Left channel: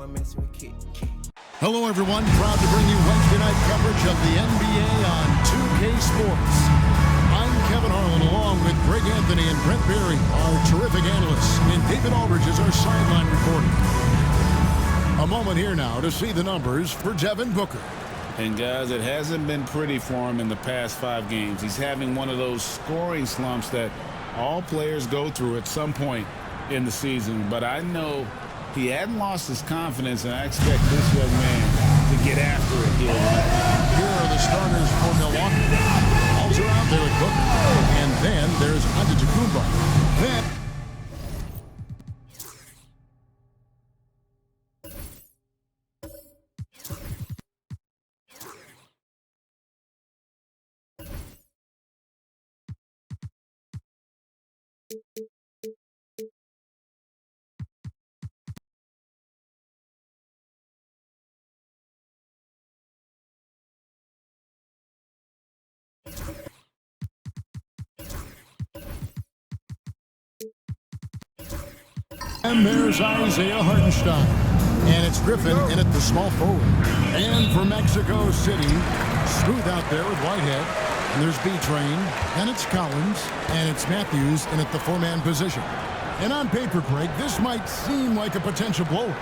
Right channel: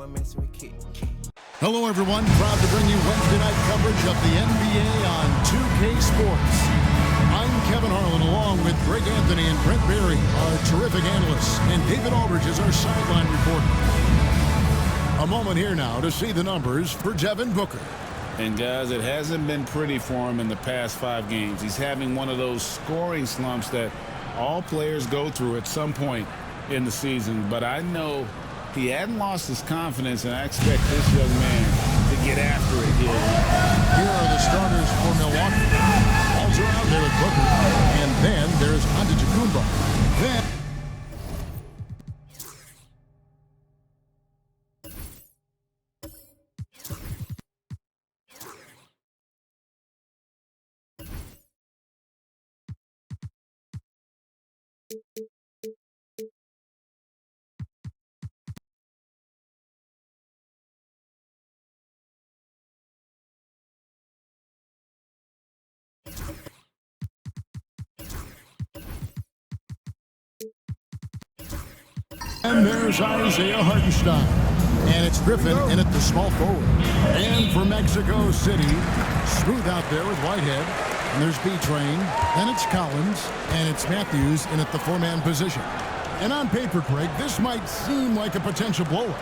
one messing with Kid. Hello, everyone. Proud to bring you Wednesday night coverage of the NBA on 2K Sports. I'm Kevin Harlan, along with Greg Anthony and Brent Berry, our terrific analysts, and David Aldridge is our sideline reporter. A moment here now to see the numbers for Devin Booker. And guys, it hasn't been pretty for him in the past 5 games. He's having one of those scoring slumps that all players go through at some point in the season. But I know he hadn't lost his confidence, and I expect this young man to get after it here tonight. Here are the starters for Milwaukee. Balls are out there with Booker. And then there's Antetokounmpo. Then and there's Isaiah Hartenstein. And it's Griffin in at the small forward. And for Mexico City, smooth out there with Whitehead. And there's B-Train. Then it's Collins. And it's Matthews in at the 4-man position. And on paper, Craig, this might seem like a potential blowout.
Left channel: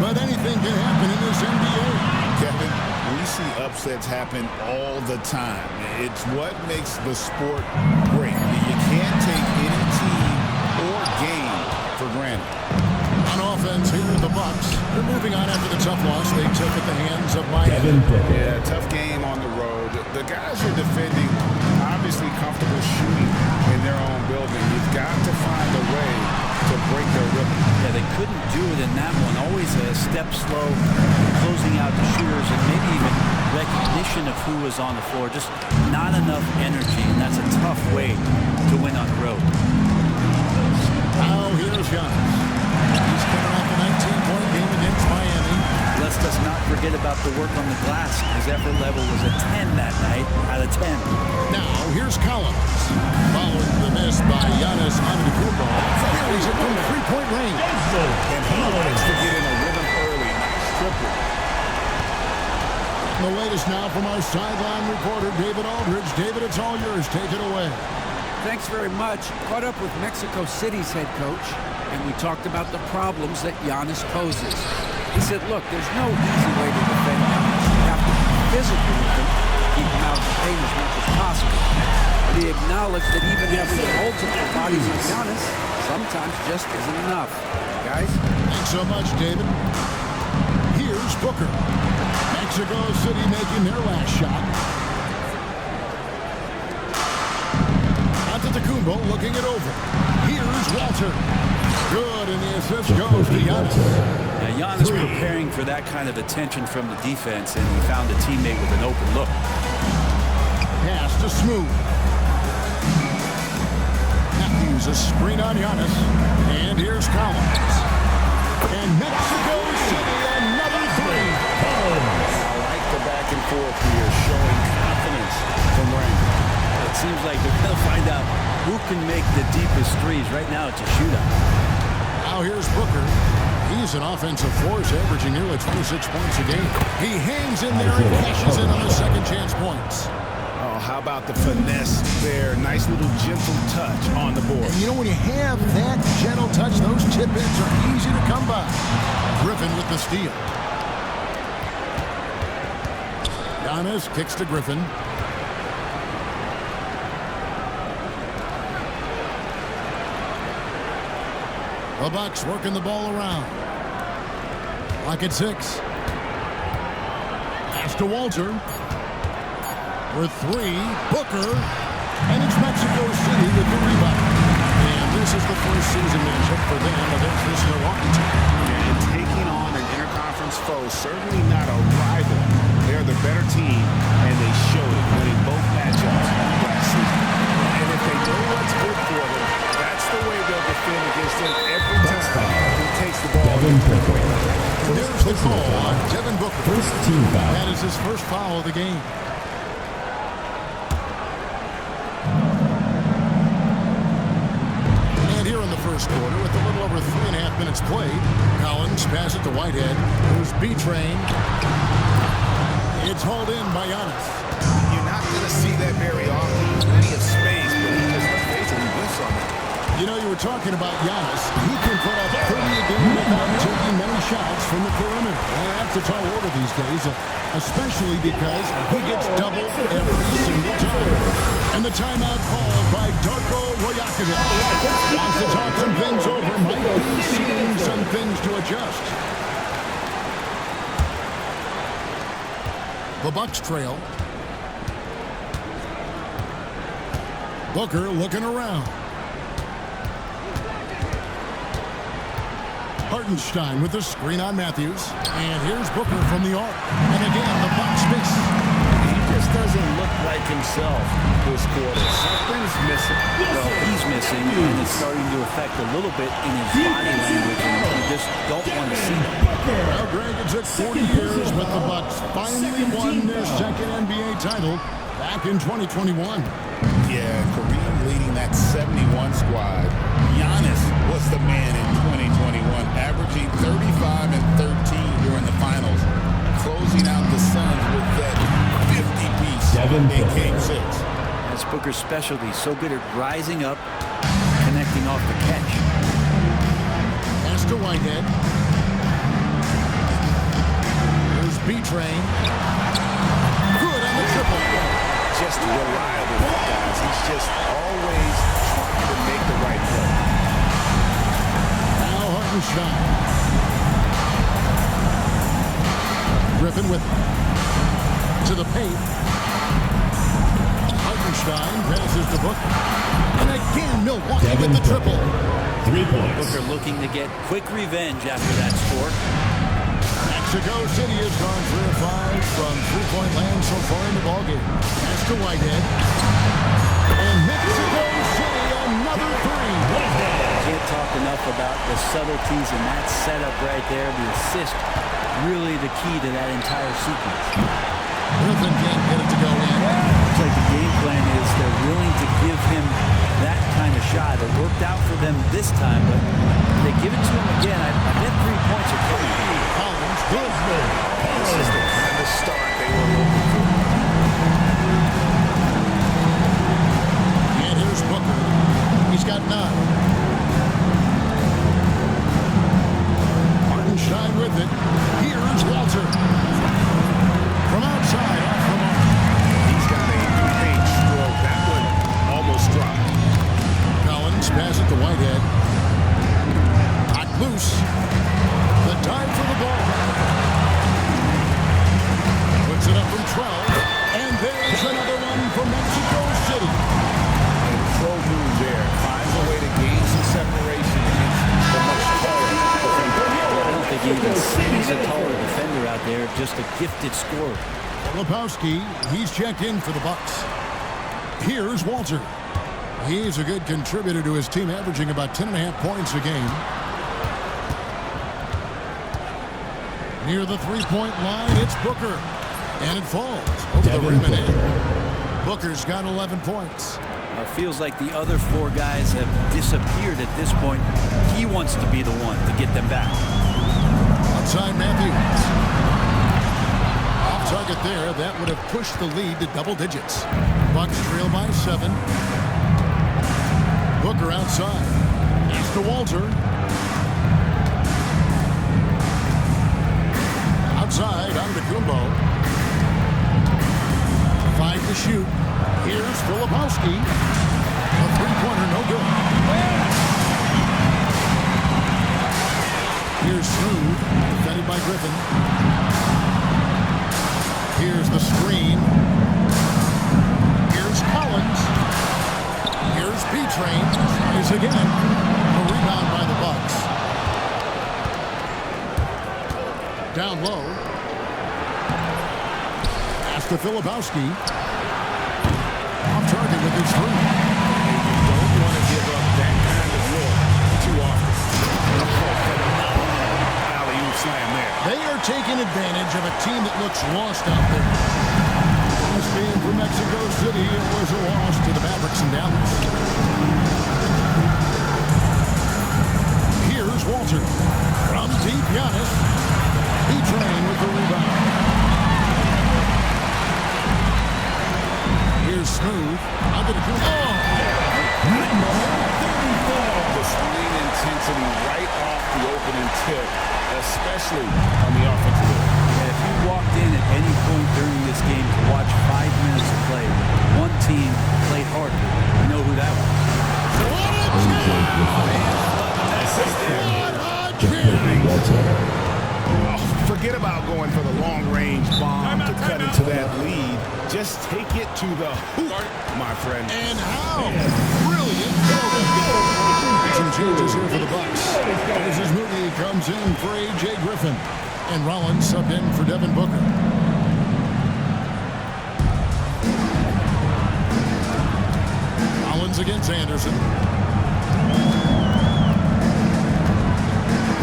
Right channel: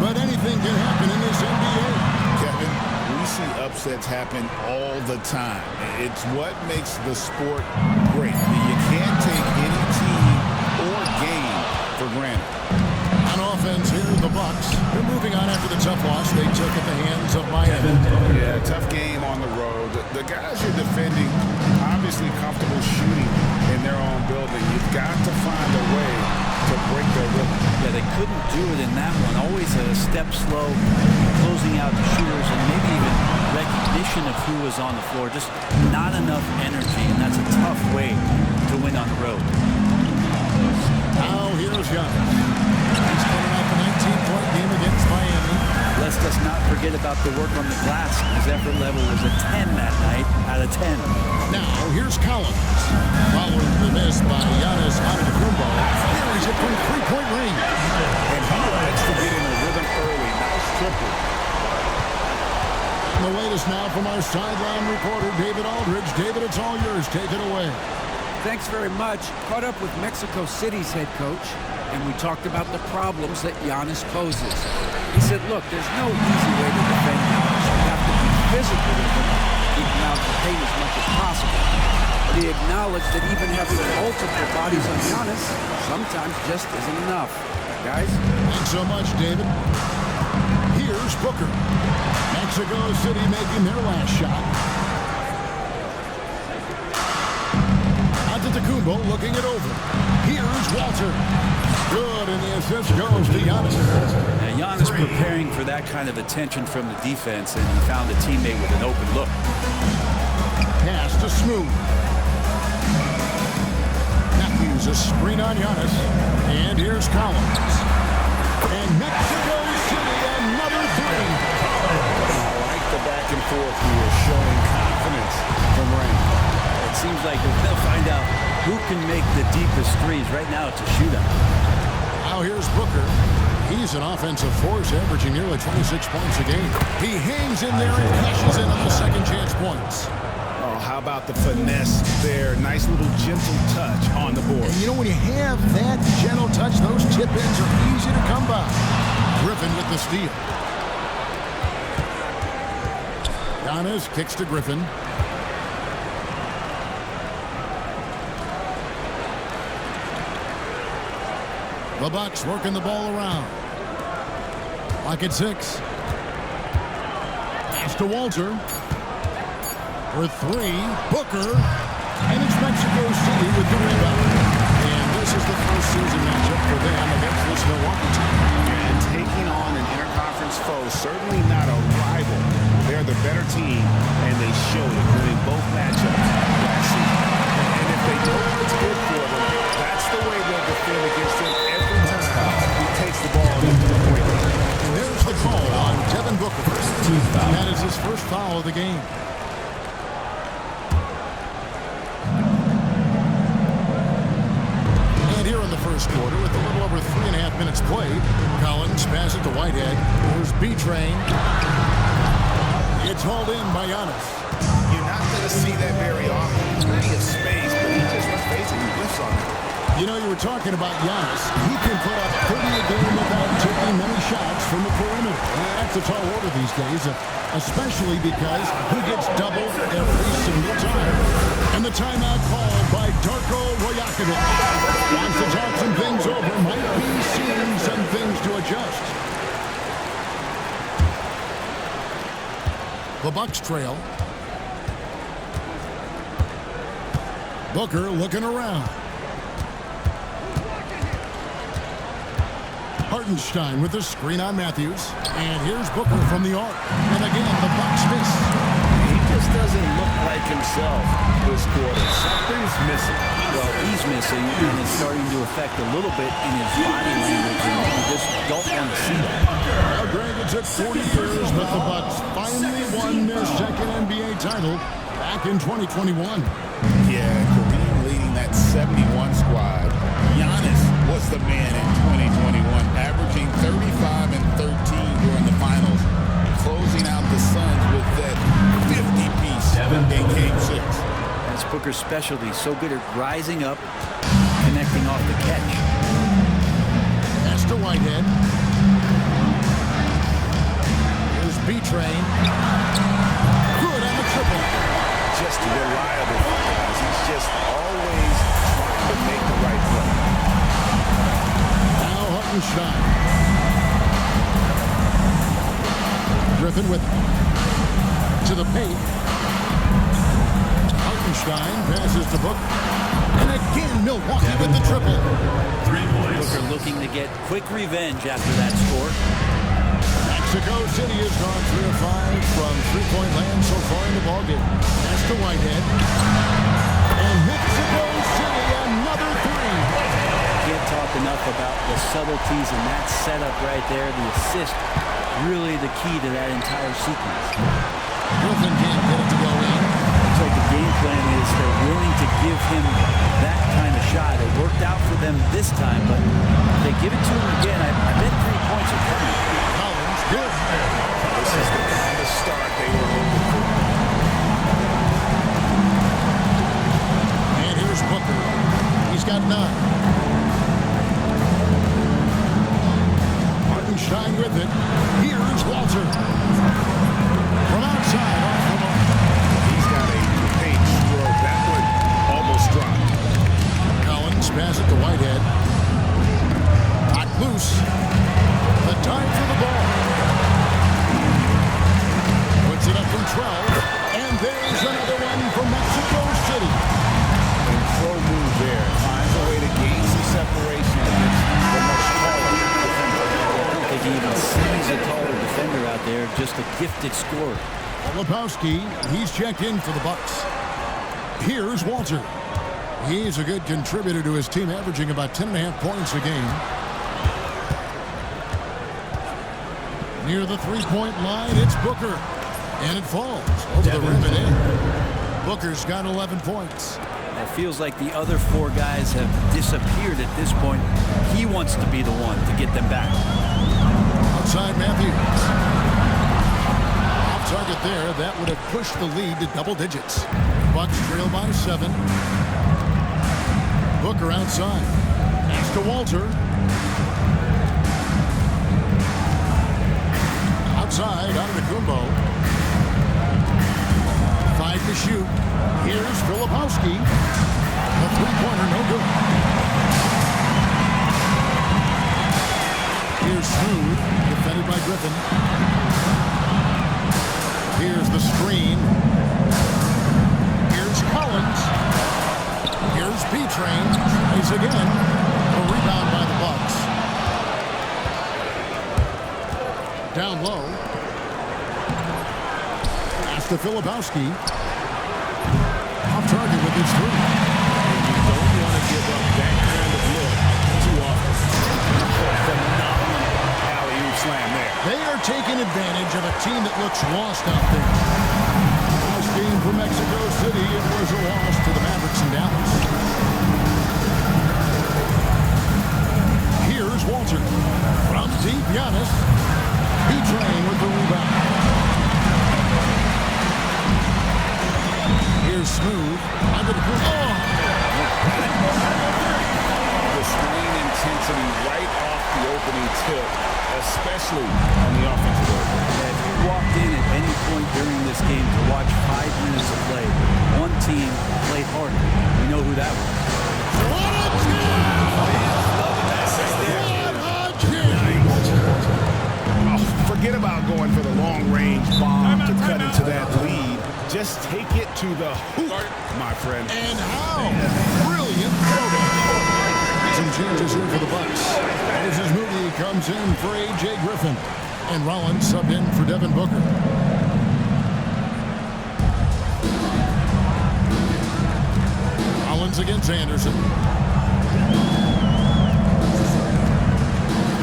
But anything can happen in this NBA. Kevin, we see upsets happen all the time. It's what makes the sport great. You can't take any team or game for granted. On offense here, the Bucks. They're moving on after the tough loss they took at the hands of Miami. Yeah, tough game on the road. The guys you're defending, obviously comfortable shooting in their own building. You've got to find a way to break their rhythm. Yeah, they couldn't do it in that one. Always a step slow, closing out the shooters, and maybe even recognition of who was on the floor. Just not enough energy, and that's a tough way to win on the road. Now here's Giannis. He's coming off a 19-point game against Miami. Let's just not forget about the work on the glass. His effort level was a 10 that night out of 10. Now here's Collins. Following the miss by Giannis Antetokounmpo. Carries it from three-point range. And he likes to get in a rhythm early. Nice triple. And the latest now from our sideline reporter, David Aldridge. David, it's all yours. Take it away. Thanks very much. Caught up with Mexico City's head coach, and we talked about the problems that Giannis poses. He said, look, there's no easy way to defend Giannis. You have to be physical with him, keep him out of the paint as much as possible. But he acknowledged that even having multiple bodies on Giannis sometimes just isn't enough. Guys? Thanks so much, David. Here's Booker. Mexico City making their last shot. Antetokounmpo looking it over. Here's Walter. Good, and the assist goes to Giannis. Now, Giannis preparing for that kind of attention from the defense, and he found a teammate with an open look. Pass to Smooth. Matthews, a screen on Giannis. And here's Collins. And Mexico City, another three. I like the back and forth here, showing confidence from Rain. It seems like they're going to find out who can make the deepest threes. Right now, it's a shootout. Now here's Booker. He's an offensive force, averaging nearly 26 points a game. He hangs in there and cashes in on the second chance points. Oh, how about the finesse there? Nice little gentle touch on the board. And you know, when you have that gentle touch, those tip-ins are easy to come by. Griffin with the steal. Giannis kicks to Griffin. The Bucks working the ball around. Lock at 6. Pass to Walter. For 3, Booker. And it's Mexico City with the rebound. And this is the first season matchup for them against this Milwaukee team. Yeah, and taking on an interconference foe, certainly not a rival. They're the better team, and they showed it, winning both matchups last season. And if they know what's good for them, that's the way they'll defend against him every time he takes the ball in the three-point line. And there's the call on Devin Booker. First team foul. That is his first foul of the game. And here in the first quarter with a little over 3.5 minutes played. Collins passes to Whitehead. There's B-Train. It's hauled in by Giannis. You're not going to see that very often. Plenty of space, but he just, let's face it, he whiffs on that. You know, you were talking about Giannis. He can put up 30 a game without taking many shots from the perimeter. That's a tall order these days, especially because he gets doubled every single time. And the timeout called by Darko Rajakovic. Wants to talk some things over. Might be seeing some things to adjust. The Bucks trail. Booker looking around. Hartenstein with the screen on Matthews. And here's Booker from the arc. And again, the Bucks miss. He just doesn't look like himself this quarter. Something's missing. Well, he's missing, and it's starting to affect a little bit in his body language, and you just don't want to see that. Well, Greg, it took 40 years, but the Bucks finally won their second NBA title back in 2021. Yeah, Kareem leading that 71 squad. Giannis was the man in 2021, averaging 35 and 13 during the finals, closing out the Suns with that 50-piece in Game 6. That's Booker's specialty. So good at rising up, connecting off the catch. Pass to Whitehead. Here's B-Train. Good on the triple. Just reliable, guys. He's just always trying to make the right play. Now Hartenstein. Griffin with it. To the paint. Hartenstein passes to Booker. And again, Milwaukee with the triple. 3 points. Booker looking to get quick revenge after that score. Mexico City has gone 3 of 5 from three-point land so far in the ballgame. Pass to Whitehead. And Mexico City, another 3. Can't talk enough about the subtleties in that setup right there. The assist, really the key to that entire sequence. Griffin can't get it to go in. Looks like the game plan is they're willing to give him that kind of shot. It worked out for them this time, but if they give it to him again, I bet 3 points are coming. Collins, good. This is the kind of start they were hoping for. And here's Booker. He's got 9. Hartenstein with it. Here's Walter. From outside, off the mark. Well, he's got a paint stroke. That one almost dropped. Collins pass it to Whitehead. Knocked loose. The dive for the ball. Puts it up from 12. And there's another one for Mexico City. And pro move there. Finds a way to gain some separation against the much taller defender. Yeah, I don't think he even sees a taller defender out there, just a gifted scorer. Filipowski, he's checked in for the Bucks. Here's Walter. He's a good contributor to his team, averaging about 10.5 points a game. Near the three-point line, it's Booker. And it falls over the rim and in. Booker's got 11 points. It feels like the other 4 guys have disappeared at this point. He wants to be the one to get them back. Outside Matthews. Off target there. That would have pushed the lead to double digits. Bucks trail by 7. Booker outside. Pass to Walter. Outside, out of the Kumbo. 5 to shoot. Here's Filipowski. A three-pointer, no good. Here's Smooth, defended by Griffin. Here's the screen. Here's Collins. Here's B-Train. Tries again. A rebound by the Bucks. Down low. Pass to Filipowski. Off target with his 3. And you don't want to give up that kind of look too often. Oh, phenomenal alley-oop slam there. They are taking advantage of a team that looks lost out there. Last game for Mexico City, it was a loss to the Mavericks in Dallas. Here's Walter. From deep, Giannis. B-Train with the rebound. Here's Smooth. The swing intensity right off the opening tip, especially on the offensive end. Yeah, if you walked in at any point during this game to watch 5 minutes of play, one team played harder. We know who that was. What a jam! Fans loving that right there. What a jam! Oh, forget about going for the long-range bomb to cut into that lead. Just take it to the hoop, my friend. And how brilliant throwdown. Some changes here for the Bucks. Moses Moody comes in for A.J. Griffin. And Rollins subbed in for Devin Booker. Rollins against Anderson.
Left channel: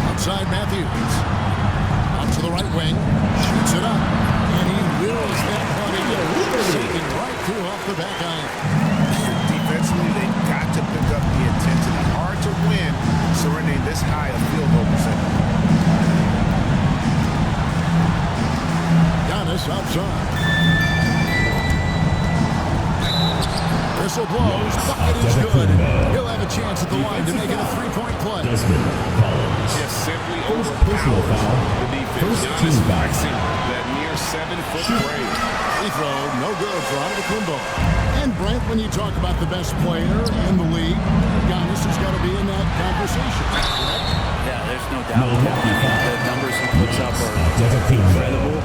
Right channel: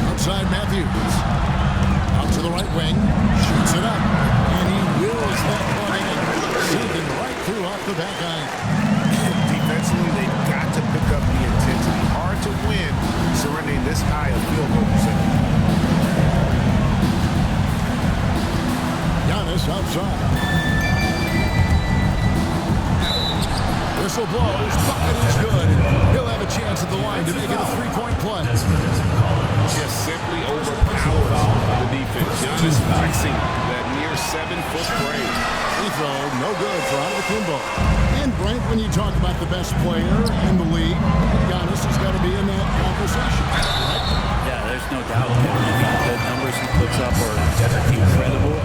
Outside Matthews. Out to the right wing. Shoots it up. And he wills that one in. Sinking right through off the back iron. Defensively, they've got to pick up the intensity. Hard to win surrendering this high a field goal percentage. Giannis outside. Whistle blows. Bucket is good. He'll have a chance at the line to make it a three-point play. Just simply overpowers the defense. Giannis flexing that near 7-foot grade. Free throw, no good for Antetokounmpo. And Brent, when you talk about the best player in the league, Giannis has got to be in that conversation, correct? Yeah, there's no doubt, Kevin. I mean, the numbers he puts up are incredible.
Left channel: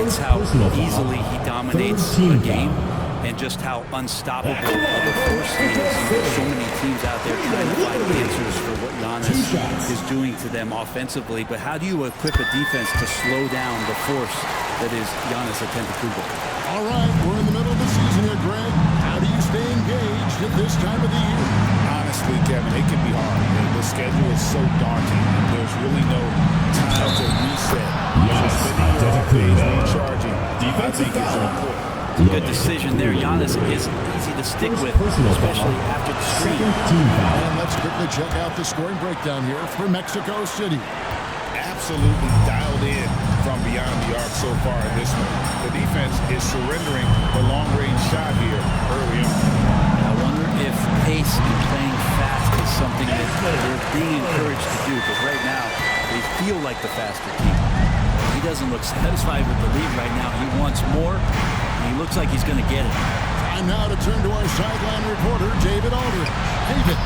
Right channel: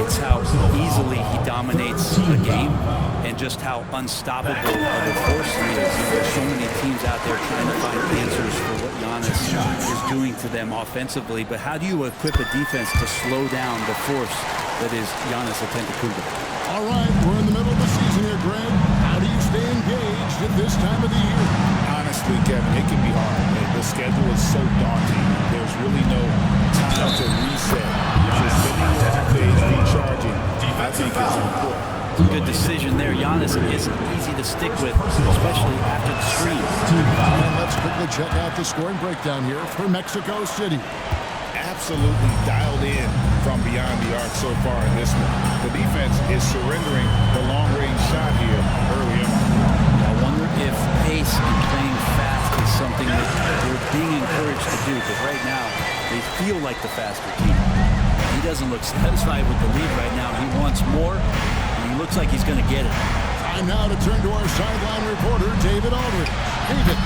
It's how easily he dominates a game and just how unstoppable of a force he is. There's so many teams out there trying to find answers for what Giannis is doing to them offensively. But how do you equip a defense to slow down the force that is Giannis Antetokounmpo? All right, we're in the middle of the season here, Greg. How do you stay engaged at this time of the year? Honestly, Kevin, it can be hard. The schedule is so daunting. There's really no time to reset. So spending your off days recharging, I think, is important. Good decision there. Giannis is easy to stick with, especially after the screen. And let's quickly check out the scoring breakdown here for Mexico City. Absolutely dialed in from beyond the arc so far in this one. The defense is surrendering the long-range shot here early on. I wonder if pace and playing fast is something that they're being encouraged to do, because right now they feel like the faster team. He doesn't look satisfied with the lead right now. He wants more, and he looks like he's going to get it. Time now to turn to our sideline reporter, David Aldridge. David.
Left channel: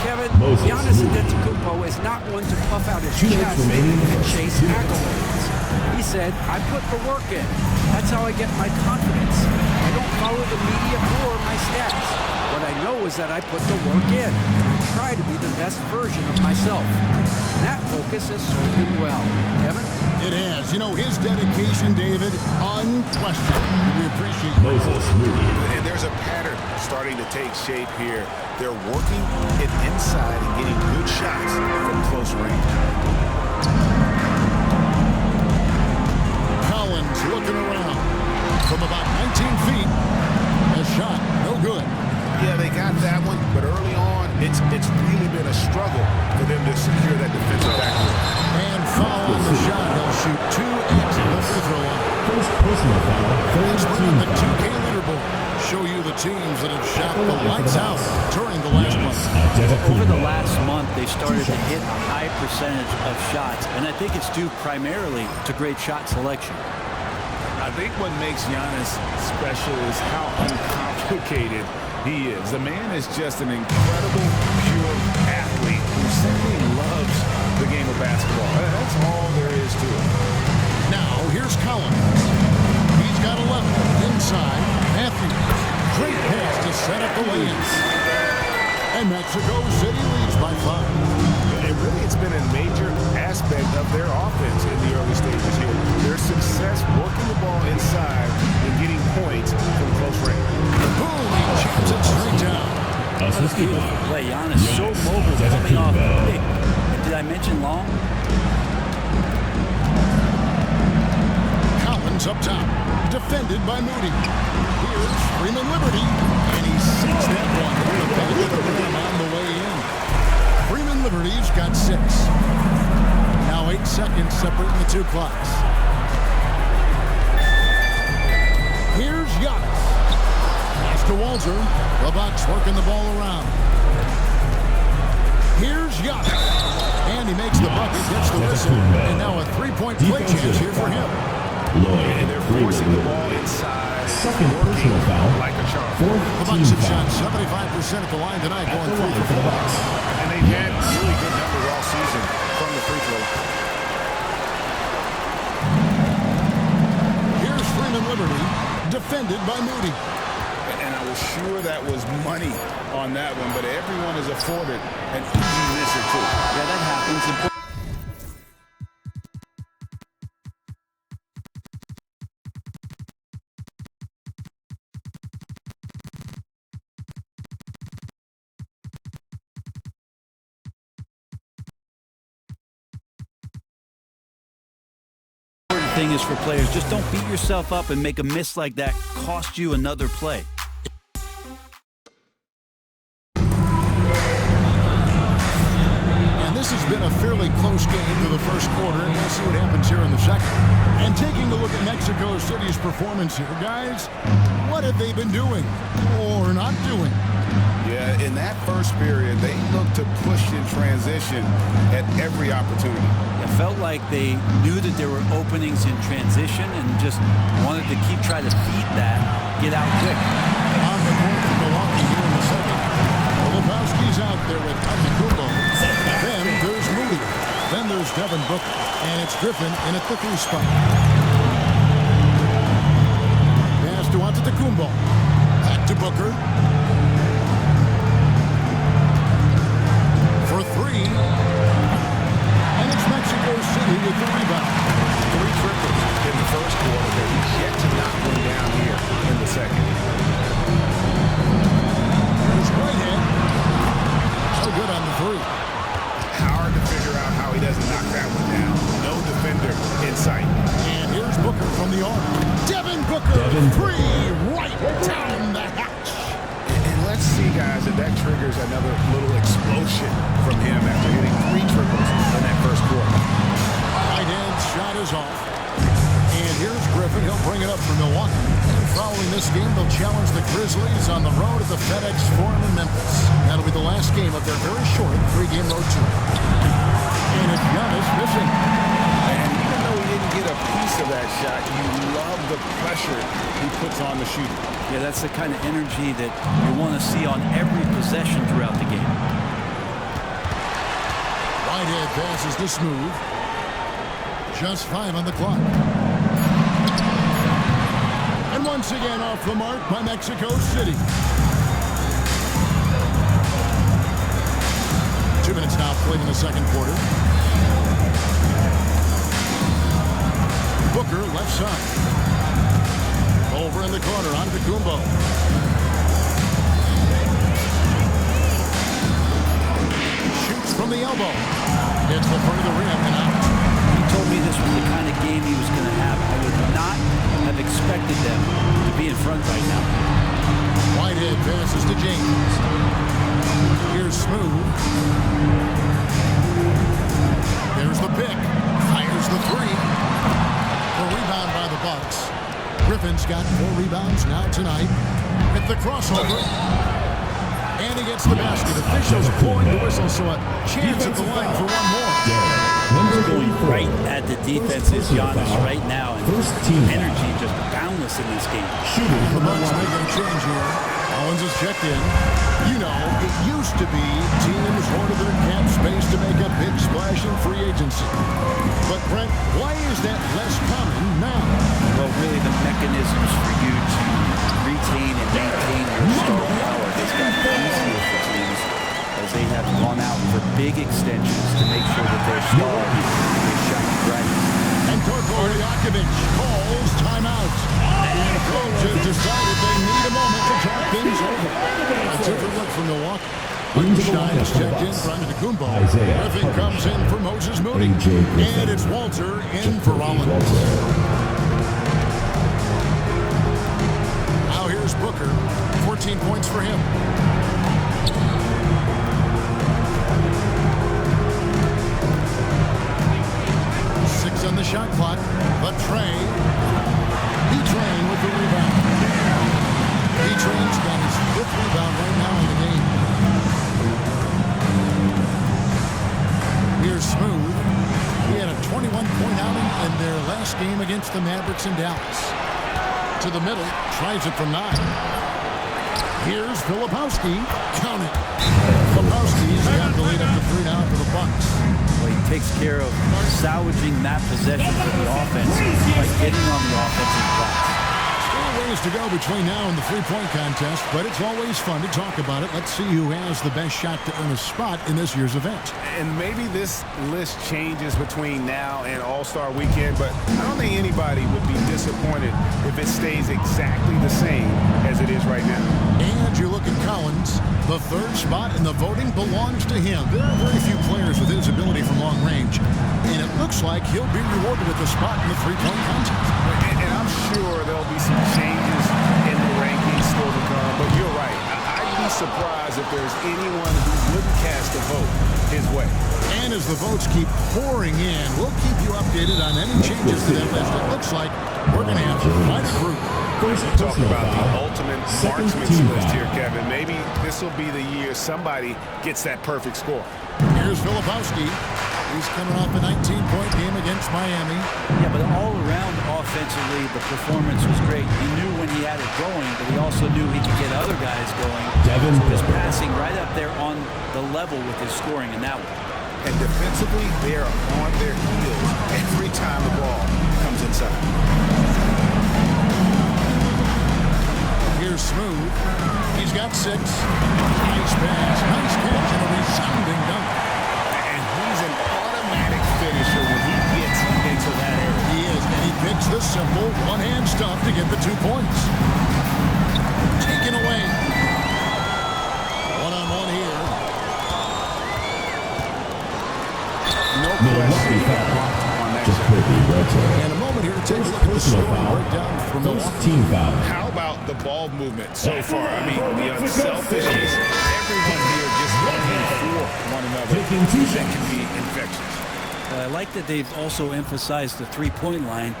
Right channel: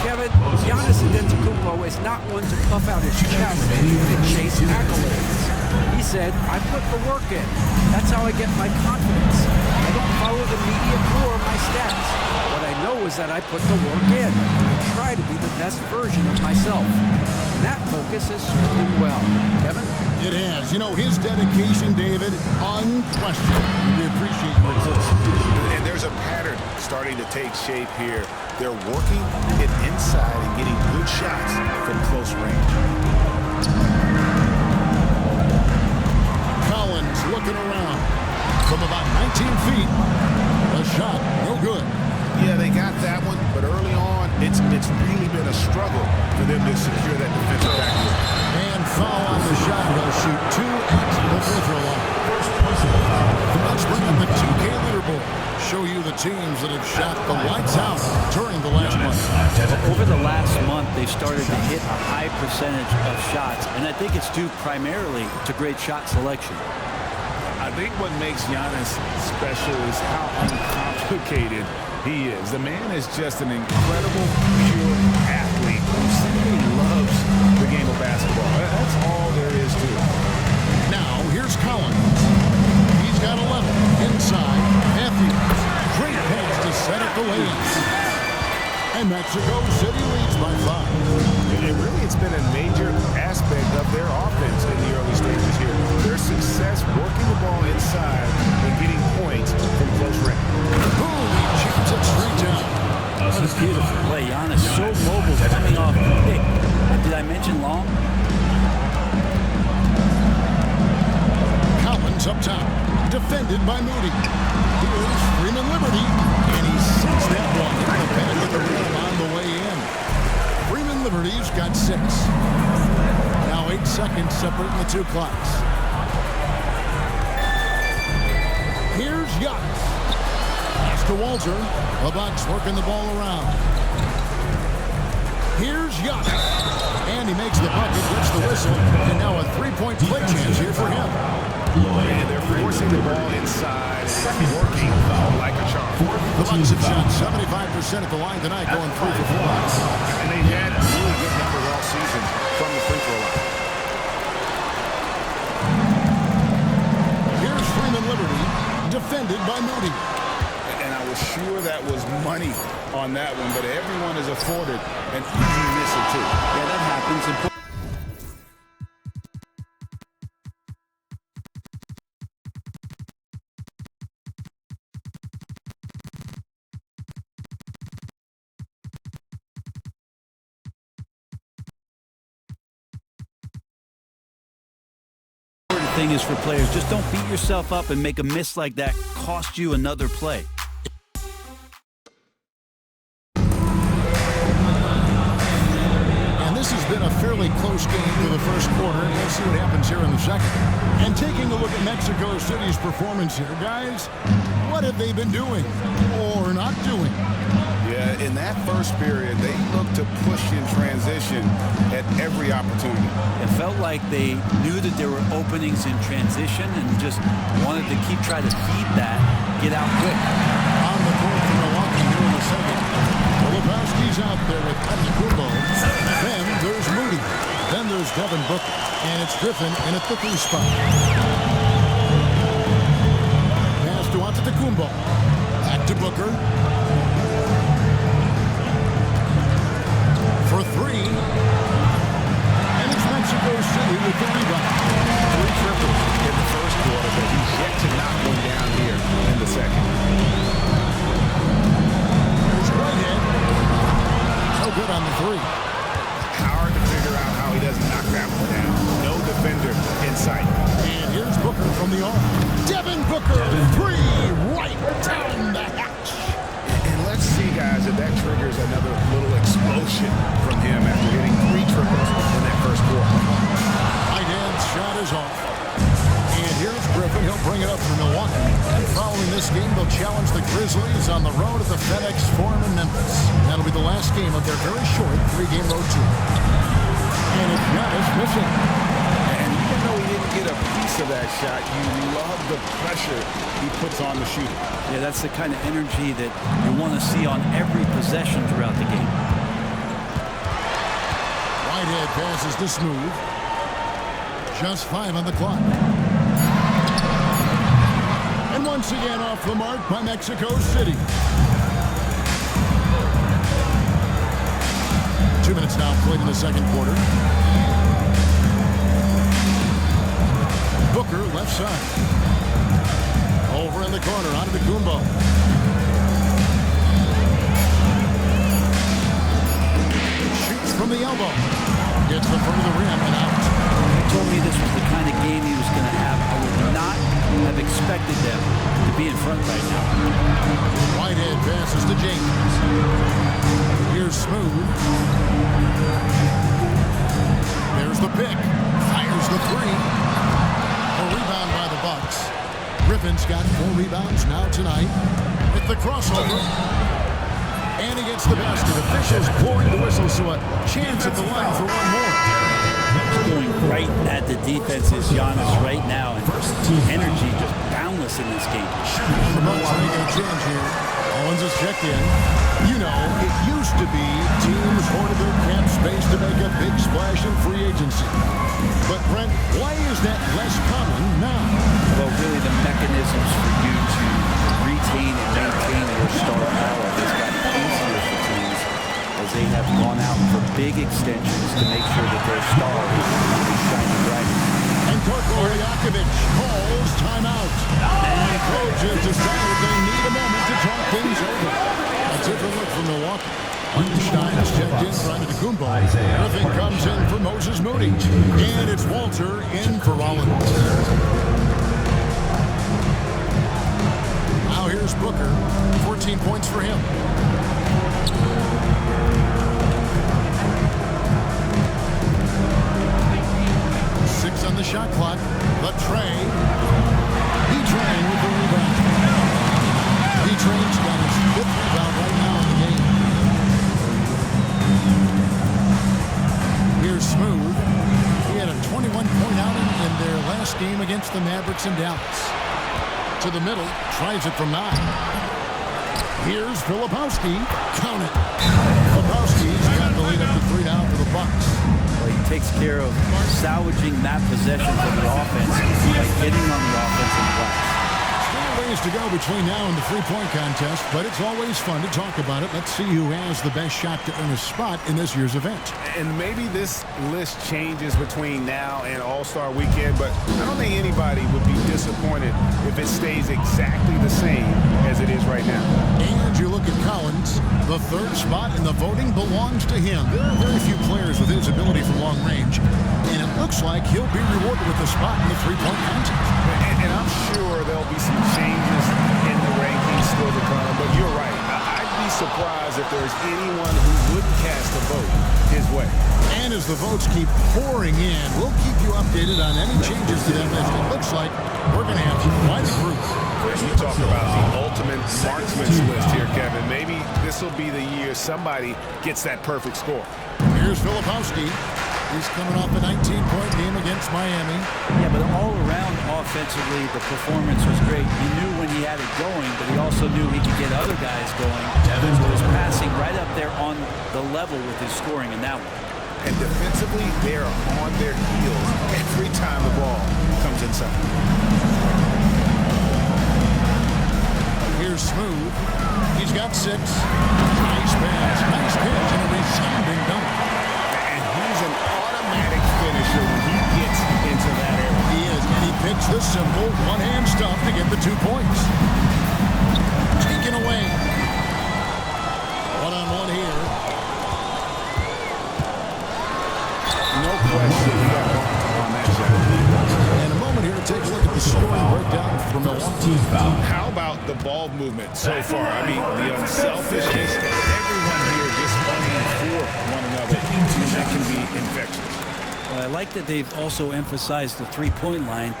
Kevin, Giannis Antetokounmpo is not one to puff out his chest and chase accolades. He said, I put the work in. That's how I get my confidence. I don't follow the media or my stats. What I know is that I put the work in, and I try to be the best version of myself. And that focus has served him well. Kevin? It has. You know, his dedication, David, unquestioned. We appreciate your report. And there's a pattern starting to take shape here. They're working it inside and getting good shots from close range. Collins looking around from about 19 feet. A shot, no good. Yeah, they got that one, but early on, it's really been a struggle for them to secure that defensive backboard. And foul on the shot. He'll shoot 2 at the free throw line. First personal foul. Let's bring up the 2K leaderboard. Show you the teams that have shot the lights out during the last month. Over the last month, they've started to hit a high percentage of shots, and I think it's due primarily to great shot selection. I think what makes Giannis special is how uncomplicated he is. The man is just an incredible, pure athlete who simply loves the game of basketball. That's all there is to it. Now, here's Collins. He's got 11. Inside, Matthews. Great pass to set up the lay-ins. And Mexico City leads by 5. And really, it's been a major aspect of their offense in the early stages here. Their success working the ball inside and getting points from close range. Boom, he jams it straight down. What a beautiful play. Giannis so mobile coming off the pick. And did I mention long? Collins up top, defended by Moody. Here's Freeman Liberty, and he sinks that one in the back of the rim on the way in. Freeman Liberty's got 6. Now 8 seconds separating the two clocks. Here's Giannis. Pass to Walter. The Bucks working the ball around. Here's Giannis. And he makes the bucket, gets the whistle, and now a three-point play chance here for him. And they're forcing the ball inside, and it's working like a charm. The Bucks have shot 75% at the line tonight, going 3 for 4. And they've had really good numbers all season from the free throw line. Here's Freeman Liberty, defended by Moody. And I was sure that was money on that one, but everyone is afforded an easy miss or two. Yeah, that happens. Important thing is for players, just don't beat yourself up and make a miss like that cost you another play. This has been a fairly close game through the first quarter, and we'll see what happens here in the second. And taking a look at Mexico City's performance here, guys, what have they been doing or not doing? Yeah, in that first period, they looked to push in transition at every opportunity. It felt like they knew that there were openings in transition and just wanted to keep trying to feed that, get out quick. On the court for Milwaukee here in the second. Lebowski's out there with Antetokounmpo. Then there's Moody. Then there's Devin Booker. And it's Griffin in at the 3 spot. Pass to Antetokounmpo. Back to Booker. For 3. And it's Mexico City with the rebound. 3 triples in the first quarter, but he's yet to knock one down here in the second. There's Whitehead. No good on the 3. Hard to figure out how he doesn't knock that one down. No defender in sight. And here's Booker from the arc. Devin Booker, 3 right down the hatch. And let's see, guys, if that triggers another little explosion from him after hitting 3 triples in that first quarter. Whitehead's shot is off. And here's Griffin. He'll bring it up for Milwaukee. And following this game, they'll challenge the Grizzlies on the road at the FedEx Forum in Memphis. That'll be the last game of their very short 3-game road tour. And it's Giannis missing. And even though he didn't get a piece of that shot, you love the pressure he puts on the shooter. Yeah, that's the kind of energy that you want to see on every possession throughout the game. Whitehead passes to Smooth. Just 5 on the clock. And once again off the mark by Mexico City. 2 minutes now played in the second quarter. Booker left side. Over in the corner, Antetokounmpo. Shoots from the elbow. Hits the front of the rim and out. He told me this was the kind of game he was going to have. I would not have expected them to be in front right now. Whitehead passes to James. Here's Smooth. There's the pick. Fires the 3. A rebound by the Bucks. Griffin's got 4 rebounds now tonight. With the crossover. And he gets the basket. Officials blowing the whistle, so a chance at the line for one more. He's going right at the defense's Giannis right now, and energy just boundless in this game. And the Bucks making a change here. Owens is checked in. You know, it used to be teams hoarded their cap space to make a big splash in free agency. But, Brent, why is that less common now? Well, really the mechanisms for you to retain and maintain your star power has gotten easier for teams as they have gone out for big extensions to make sure that their star is shining brightest. And Torko Liakovic calls timeout. And coach has decided they need a moment to talk things over. A different look from Milwaukee. Hartenstein's checked in for Antetokounmpo. Griffin comes in for Moses Moody. And it's Walter in for Rollins. Now here's Booker. 14 points for him. 6 on the shot clock. The tray. B-Train with the rebound. B-Train's got his 5th rebound right now in the game. Here's Smooth. He had a 21-point outing in their last game against the Mavericks in Dallas. To the middle, tries it from 9. Here's Filipowski. Count it. Filipowski's got the lead up to 3 now for the Bucks. Well, he takes care of salvaging that possession for the offense by getting on the offensive glass. Still ways to go between now and the three-point contest, but it's always fun to talk about it. Let's see who has the best shot to earn a spot in this year's event. And maybe this list changes between now and All-Star Weekend, but I don't think anybody would be disappointed if it stays exactly the same as it is right now. And you look at Collins, the 3rd spot in the voting belongs to him. There are very few players with his ability from long range, and it looks like he'll be rewarded with a spot in the three-point contest. And I'm sure there'll be some changes in the rankings still to come, but you're right. I'd be surprised if there's anyone who wouldn't cast a vote his way. And as the votes keep pouring in, we'll keep you updated on any changes to that list. It looks like we're going to have quite a group. You talk about the ultimate marksman's list here, Kevin. Maybe this will be the year somebody gets that perfect score. Here's Filipowski. He's coming off a 19-point game against Miami. Yeah, but all around offensively, the performance was great. He knew when he had it going, but he also knew he could get other guys going. So his passing right up there on the level with his scoring in that one. And defensively, they're on their heels every time the ball comes inside. Here's Smooth. He's got 6. Nice pass, nice catch, and a resounding dunk. And he's an automatic finisher when he gets into that area. He is, and he picks the simple one-hand stuff to get the 2 points. Taken away. One-on-one here. No question, he got bumped on that shot. And a moment here to take a look at the scoring breakdown from Milwaukee. How about the ball movement so far? I mean, the unselfishness, everyone here just playing for one another. That can be infectious. Well, I like that they've also emphasized the three-point line.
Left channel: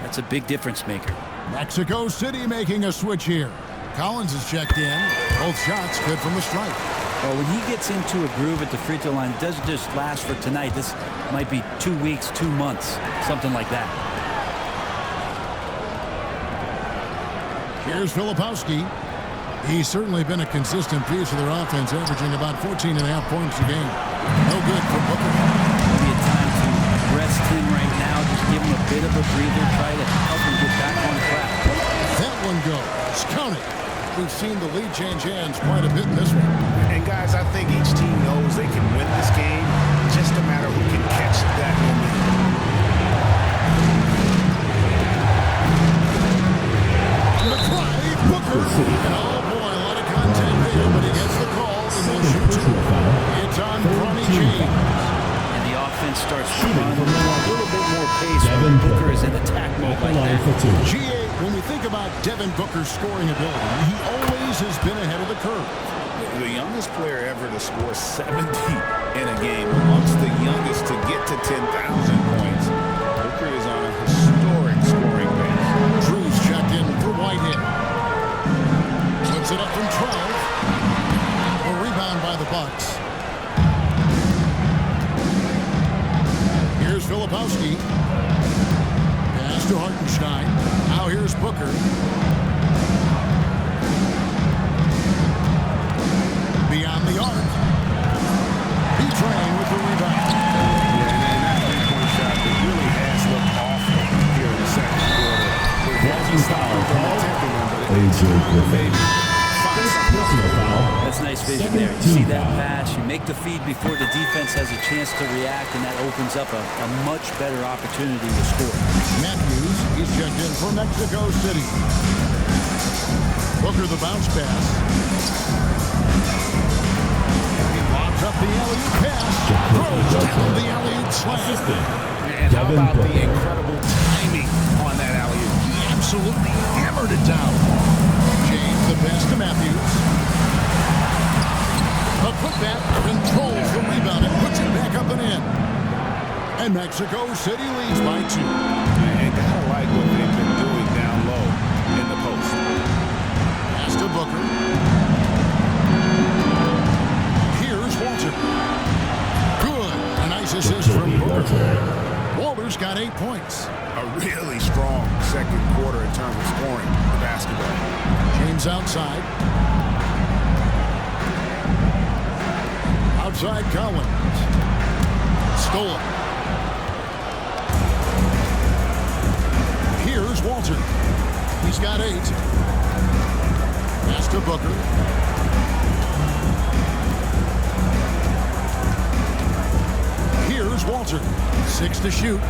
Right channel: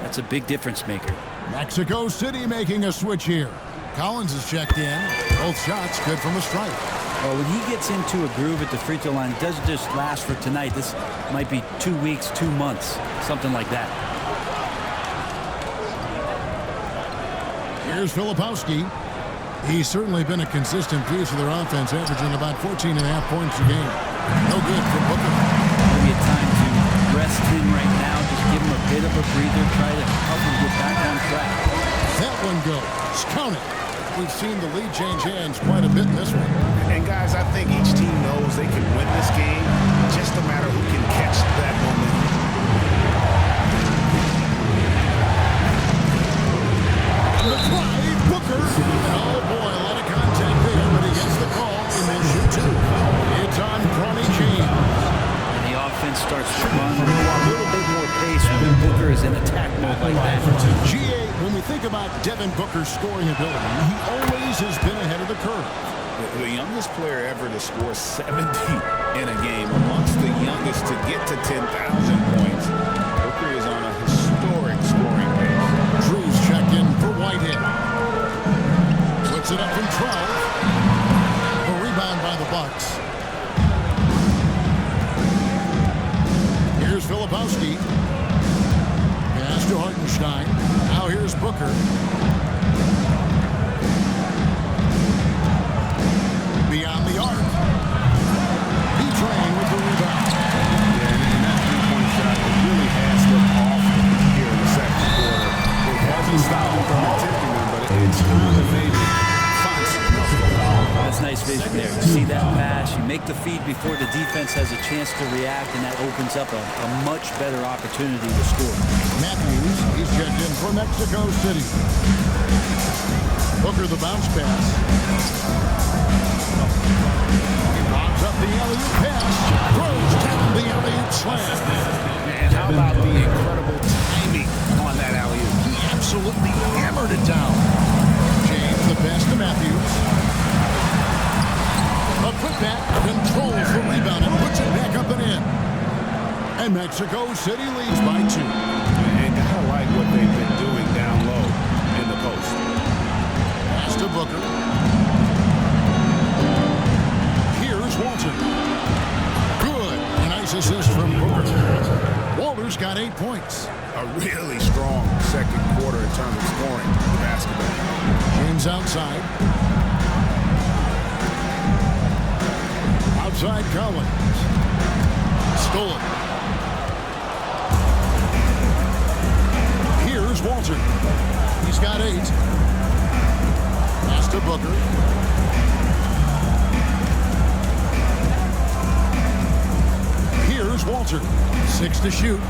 That's a big difference maker. Mexico City making a switch here. Collins is checked in. Both shots good from the stripe. Well, when he gets into a groove at the free throw line, it doesn't just last for tonight. This might be 2 weeks, 2 months, something like that. Here's Filipowski. He's certainly been a consistent piece of their offense, averaging about 14.5 points a game. No good for Booker. Maybe a time to rest him right now, just give him a bit of a breather, try to help him get back on track. That one goes. Count it. We've seen the lead change hands quite a bit in this one. And guys, I think each team knows they can win this game. Just a matter who can catch that momentum. On the drive, Booker. And oh boy, a lot of contact there, but he gets the call and will shoot 2. It's on Bronny James. And the offense starts to run a little bit more pace when Booker is in attack mode like that. GA, when we think about Devin Booker's scoring ability, he always has been ahead of the curve. The youngest player ever to score 70 in a game, amongst the youngest to get to 10,000 points. Booker is on a historic scoring pace. Drew's checked in for Whitehead. Puts it up from 12. A rebound by the Bucks. Here's Filipowski. Pass to Hartenstein. Now here's Booker. Beyond the arc. B-Train with the rebound. Yeah, and that three-point shot, it really has looked awful here in the second quarter. It hasn't stopped them from attempting them, but it's time to maybe find something else to do. That's nice vision there. You see that pass, you make the feed before the defense has a chance to react, and that opens up a much better opportunity to score. Matthews, he's checked in for Mexico City. Booker the bounce pass. Up the alley-oop pass, throws down the alley-oop slam. And how about the incredible timing on that alley-oop? He absolutely hammered it down. James the pass to Matthews. A putback controls the rebound and puts it back up and in. And Mexico City leads by 2. And gotta like what they've been doing down low in the post. Pass to Booker. Here's Walter. Good. A nice assist from Booker. Walter's got 8 points. A really strong second quarter in terms of scoring the basketball. James outside. Outside Collins. Stolen. Here's Walter. He's got 8. Pass to Booker. Here's Walter. 6 to shoot.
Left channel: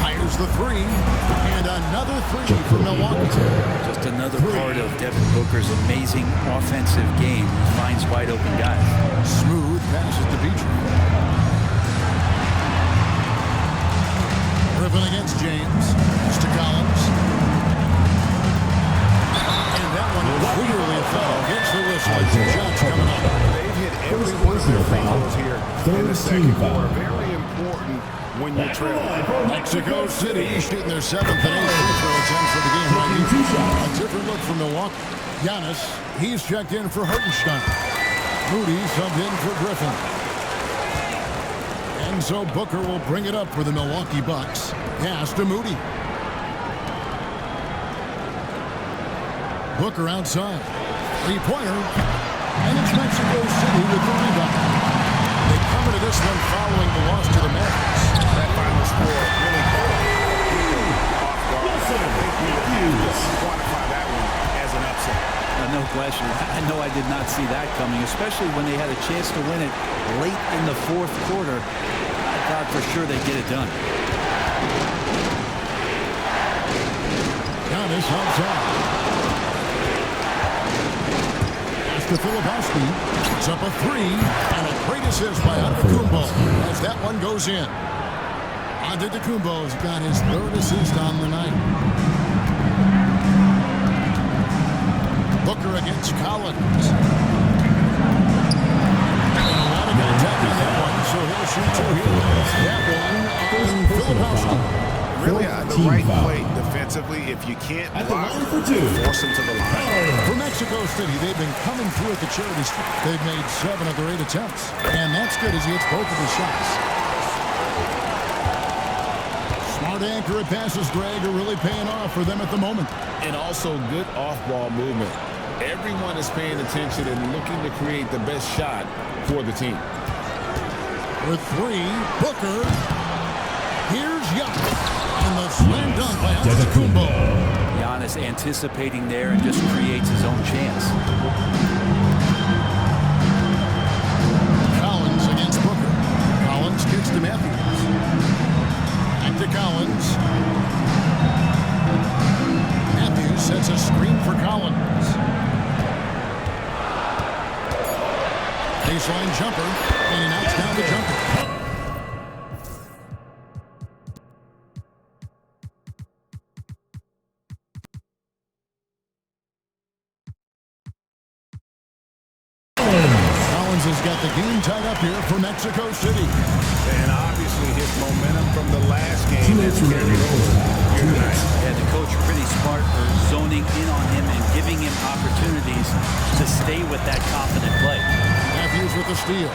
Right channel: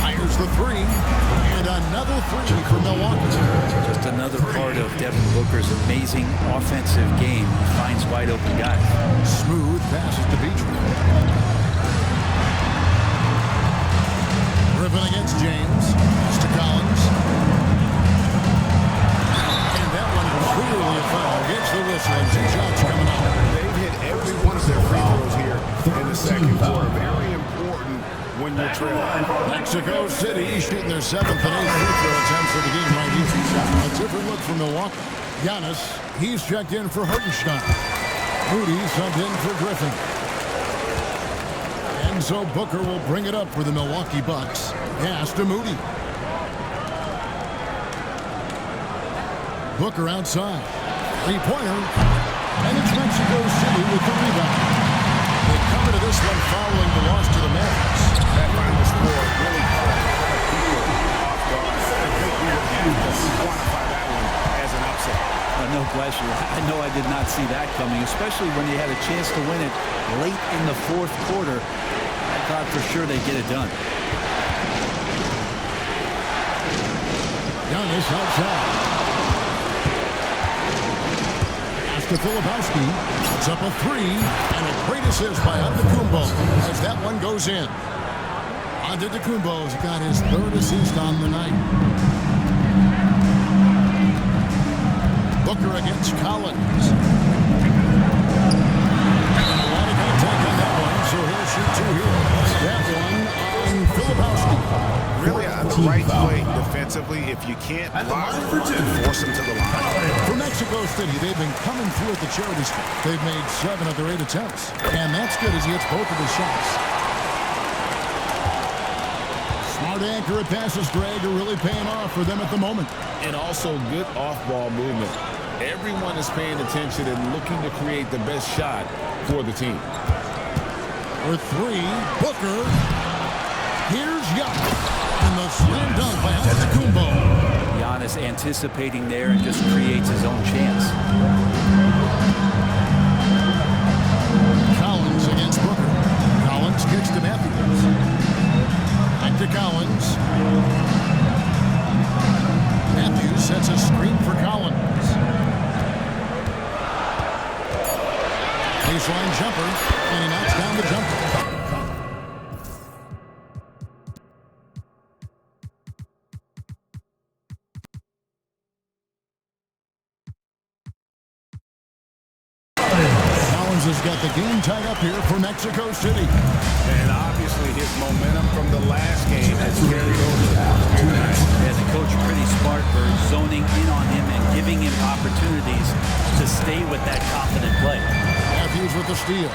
Fires the 3. And another 3 for Milwaukee. Just another part of Devin Booker's amazing offensive game. He finds wide open guys. Smooth passes to Beatrice. Griffin against James. Pass to Collins. And that one clearly a foul. Gets the whistle and 2 shots coming up. They've hit every one of their free throws here in the second quarter. Very important when you're trailing. Mexico City shooting their 7th and 8th free throw attempts of the game right here. A different look for Milwaukee. Giannis, he's checked in for Hartenstein. Moody subbed in for Griffin. And so Booker will bring it up for the Milwaukee Bucks. Pass to Moody. Booker outside. 3-pointer. And it's Mexico City with the rebound. They come into this one following the loss to the Mavericks. That final score really caught a lot of people off guard. I think we would have to quantify that one as an upset. No question. I know I did not see that coming, especially when they had a chance to win it late in the 4th quarter. I thought for sure they'd get it done. Giannis outside. Pass to Filipowski. Puts up a 3. And a great assist by Antetokounmpo as that one goes in. Antetokounmpo's got his 3rd assist on the night. Booker against Collins. And a lot of contact on that one, so he'll shoot 2 here. That one on Filipowski. Really the right play defensively. If you can't block, force them to the line. For Mexico City, they've been coming through at the charity stripe. They've made 7 of their 8 attempts. And that's good as he hits both of his shots. Smart accurate passes, Greg, are really paying off for them at the moment. And also good off-ball movement. Everyone is paying attention and looking to create the best shot for the team. For 3, Booker. Here's Giannis. And the slam dunk by Antetokounmpo. Giannis anticipating there and just creates his own chance. Collins against Booker. Collins kicks to Matthews. Back to Collins. Matthews sets a screen for Collins. Baseline jumper, and he knocks down the jumper. Collins has got the game tied up here for Mexico City. And obviously his momentum from the last game has carried over here tonight. Yeah, the coach pretty smart for zoning in on him and giving him opportunities to stay with that confident play. Matthews with the steal.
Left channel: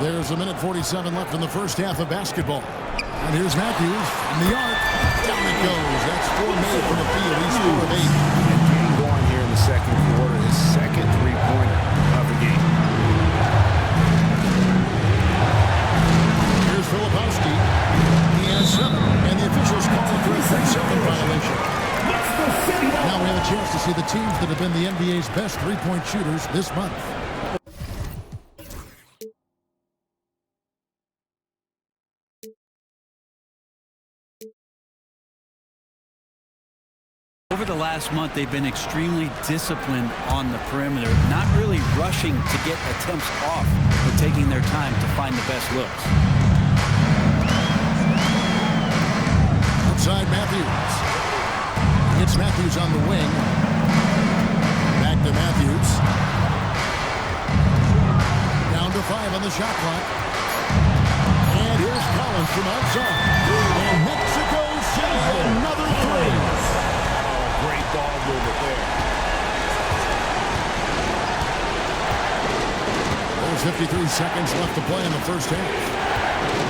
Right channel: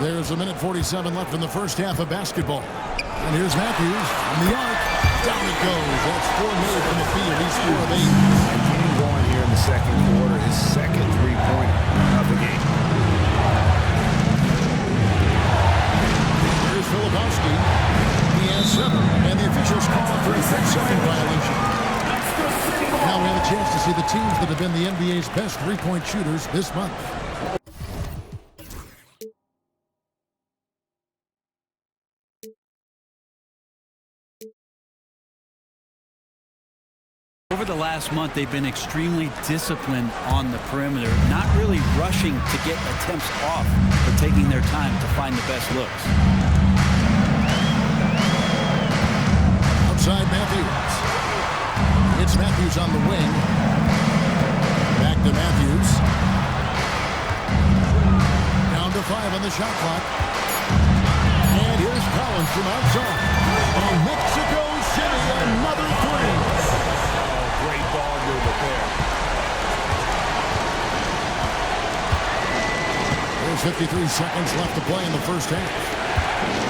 There's 1:47 left in the first half of basketball. And here's Matthews from the arc. Down it goes. That's 4 made from the field. He's 4 of 8. And getting going here in the second quarter, his second 3-pointer of the game. Here's Filipowski. He has 7. And the officials call him for a 3-second violation. Now we have a chance to see the teams that have been the NBA's best 3-point shooters this month. Over the last month, they've been extremely disciplined on the perimeter, not really rushing to get attempts off, but taking their time to find the best looks. Outside Matthews. It's Matthews on the wing. Back to Matthews. Down to 5 on the shot clock. And here's Collins from outside. And Mexico City, another 3. Oh, great ball movement there. There's 53 seconds left to play in the first half.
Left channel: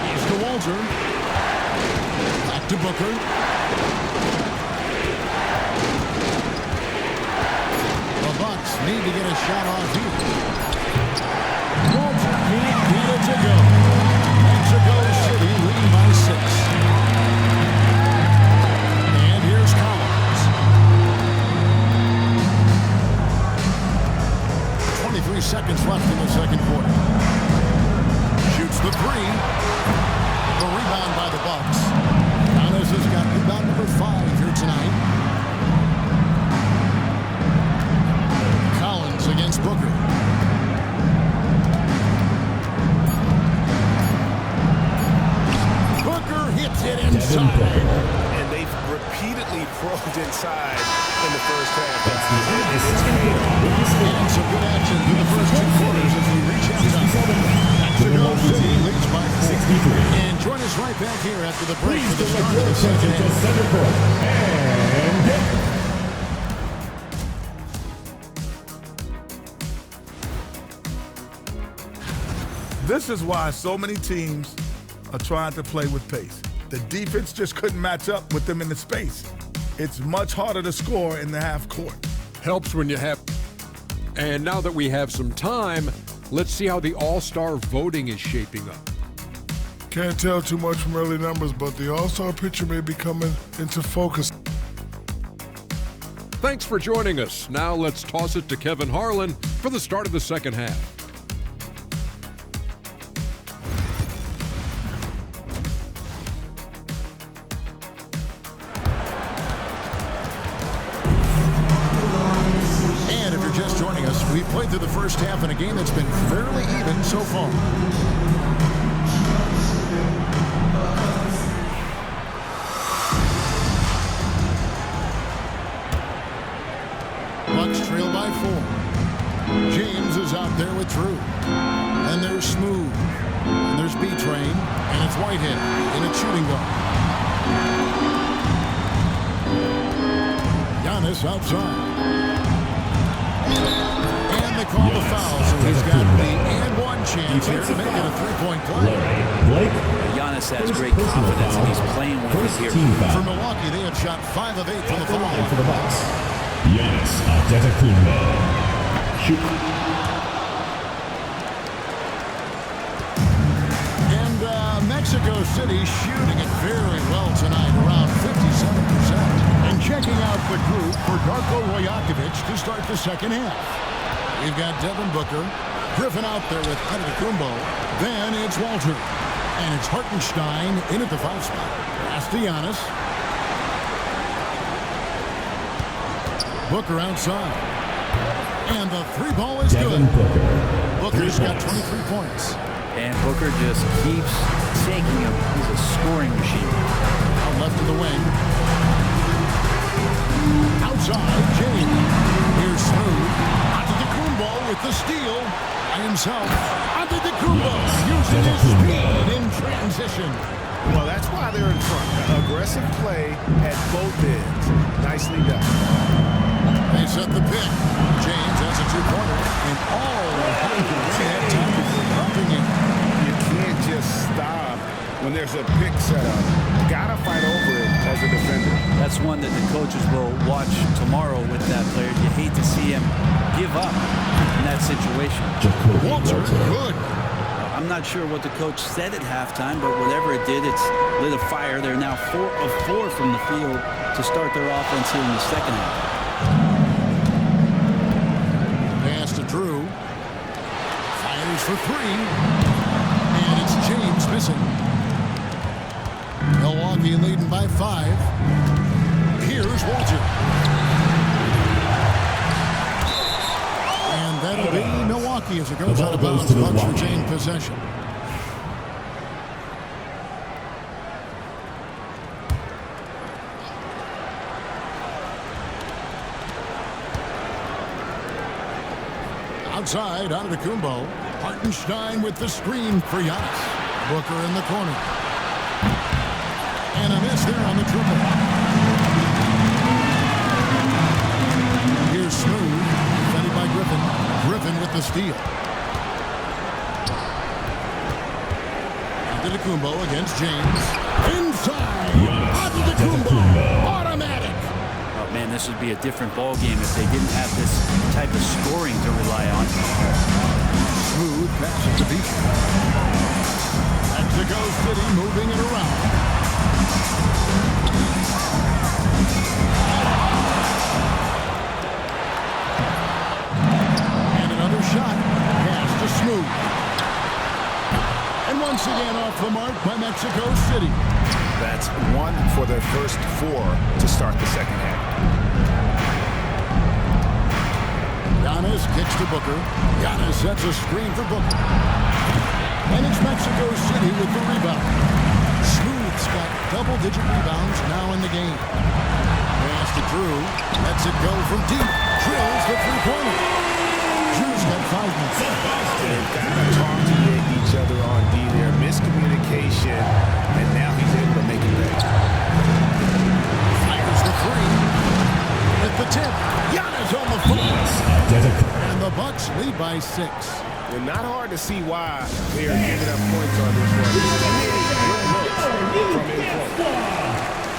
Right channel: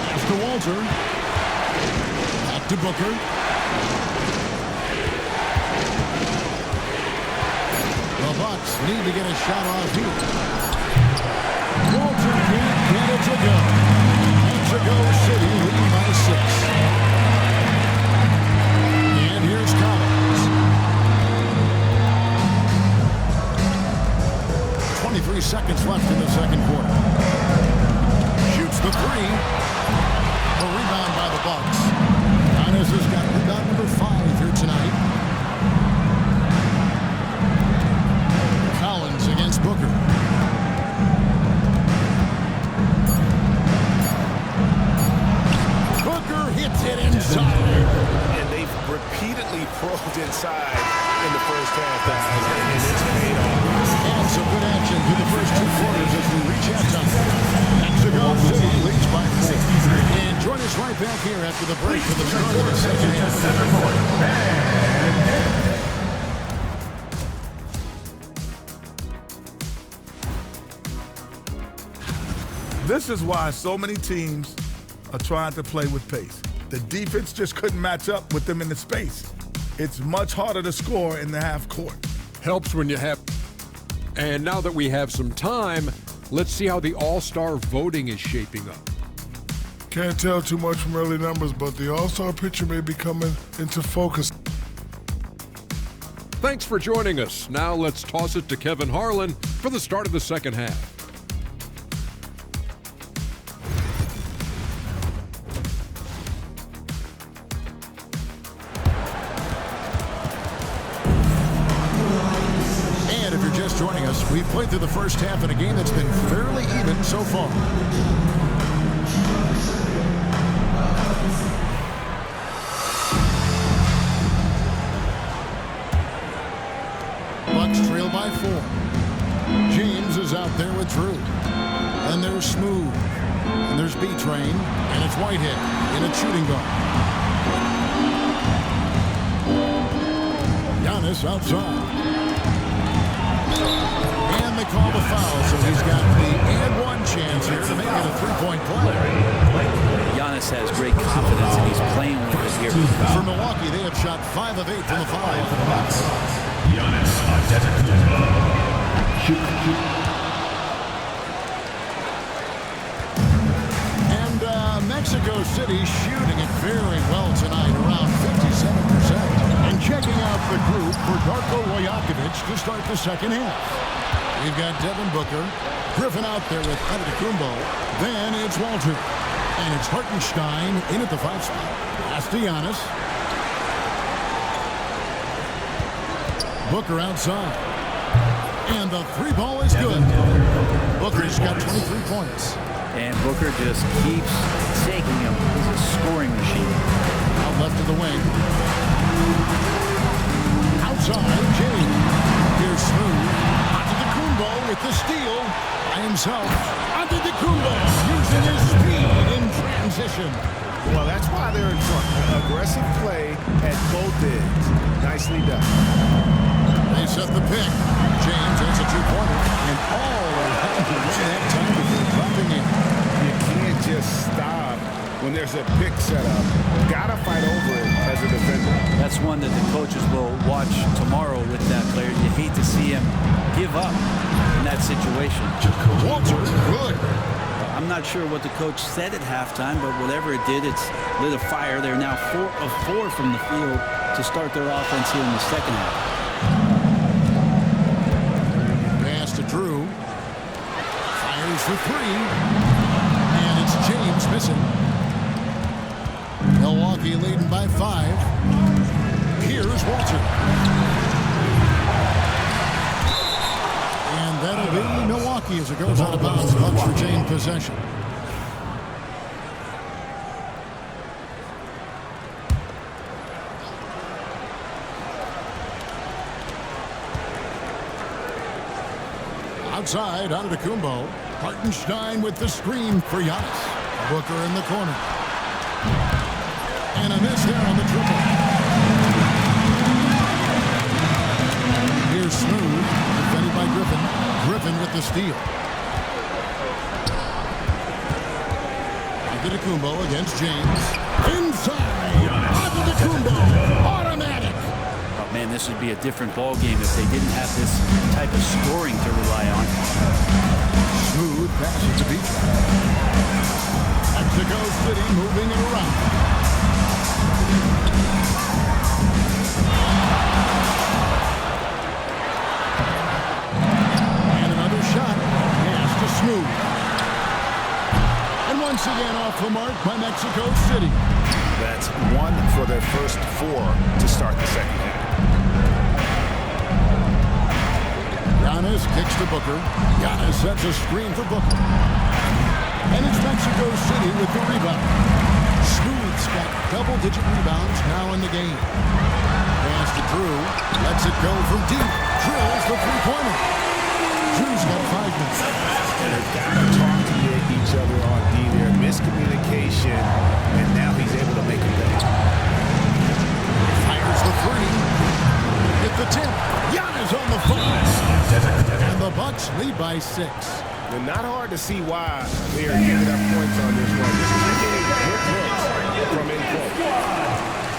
Pass to Walter. Back to Booker. The Bucks need to get a shot off here. Walter can't get it to go. Mexico City leading by 6. And here's Collins. 23 seconds left in the second quarter. Shoots the 3. The rebound by the Bucks. Giannis has got rebound number 5 here tonight. Collins against Booker. Booker hits it inside. And they've repeatedly probed inside in the first half, guys, and it's paid off. And some good action through the first 2 quarters as we reach halftime. Mexico City leads by 4. And join us right back here after the break for the start of the second half. This is why so many teams are trying to play with pace. The defense just couldn't match up with them in the space. It's much harder to score in the half court. Helps when you have... And now that we have some time, let's see how the All-Star voting is shaping up. Can't tell too much from early numbers, but the All-Star picture may be coming into focus. Thanks for joining us. Now let's toss it to Kevin Harlan for the start of the second half. And if you're just joining us, we've played through the first half in a game that's been fairly even so far. Bucks trail by 4. James is out there with Drew. And there's Smooth. And there's B-Train. And it's Whitehead in a shooting guard. Giannis outside. And they call the foul, so he's got the and one chance here to make it a three-point play. Giannis has great confidence, and he's playing with it here. For Milwaukee, they have shot 5 of 8 from the foul line. For the Bucks, Giannis Antetokounmpo. And Mexico City shooting it very well tonight, around 57%. And checking out the group for Darko Rajakovic to start the second half. We've got Devin Booker, Griffin out there with Antetokounmpo. Then it's Walter. And it's Hartenstein in at the 5 spot. Pass to Giannis. Booker outside. And the 3 ball is good. Booker's got 23 points. And Booker just keeps taking him. He's a scoring machine. Out left of the wing. Outside, James. Here's Smooth. Antetokounmpo with the steal by himself. Antetokounmpo using his speed in transition. Well, that's why they're in front. Aggressive play at both ends. Nicely done. They set the pick. James has a 2-pointer, and all around to win that time before dropping in. You can't just stop when there's a pick set up. Gotta fight over it as a defender. That's one that the coaches will watch tomorrow with that player. You hate to see him give up in that situation. Walter, good. I'm not sure what the coach said at halftime, but whatever it did, it's lit a fire. They're now 4 of 4 from the field to start their offense here in the second half. Pass to Drew. Fires for 3. And it's James missing. Milwaukee leading by 5. Here's Walter. And that'll be Milwaukee as it goes out of bounds. Bucks retain possession. Outside, Antetokounmpo. Hartenstein with the screen for Giannis. Booker in the corner. And a miss there on the triple. Here's Smooth, defended by Griffin. Griffin with the steal. Antetokounmpo against James. Inside. Antetokounmpo. Automatic. Oh, man, this would be a different ball game if they didn't have this type of scoring to rely on. Smooth passes to Beach. Mexico City moving it around. And another shot. Pass to Smooth. And once again off the mark by Mexico City. That's one for their first 4 to start the second half. Giannis kicks to Booker. Giannis sets a screen for Booker. And it's Mexico City with the rebound. Smooth's got double-digit rebounds now in the game. Pass to Drew. Lets it go from deep. Drills the three-pointer. Drew's got 5 minutes. And they've got to talk to each other on D there. Miscommunication, and now he's able to make it back. Fires the 3. With the tip. Giannis on the phone. And the Bucks lead by 6. And not hard to see why they are giving up points on this one. There's too many good looks from in close.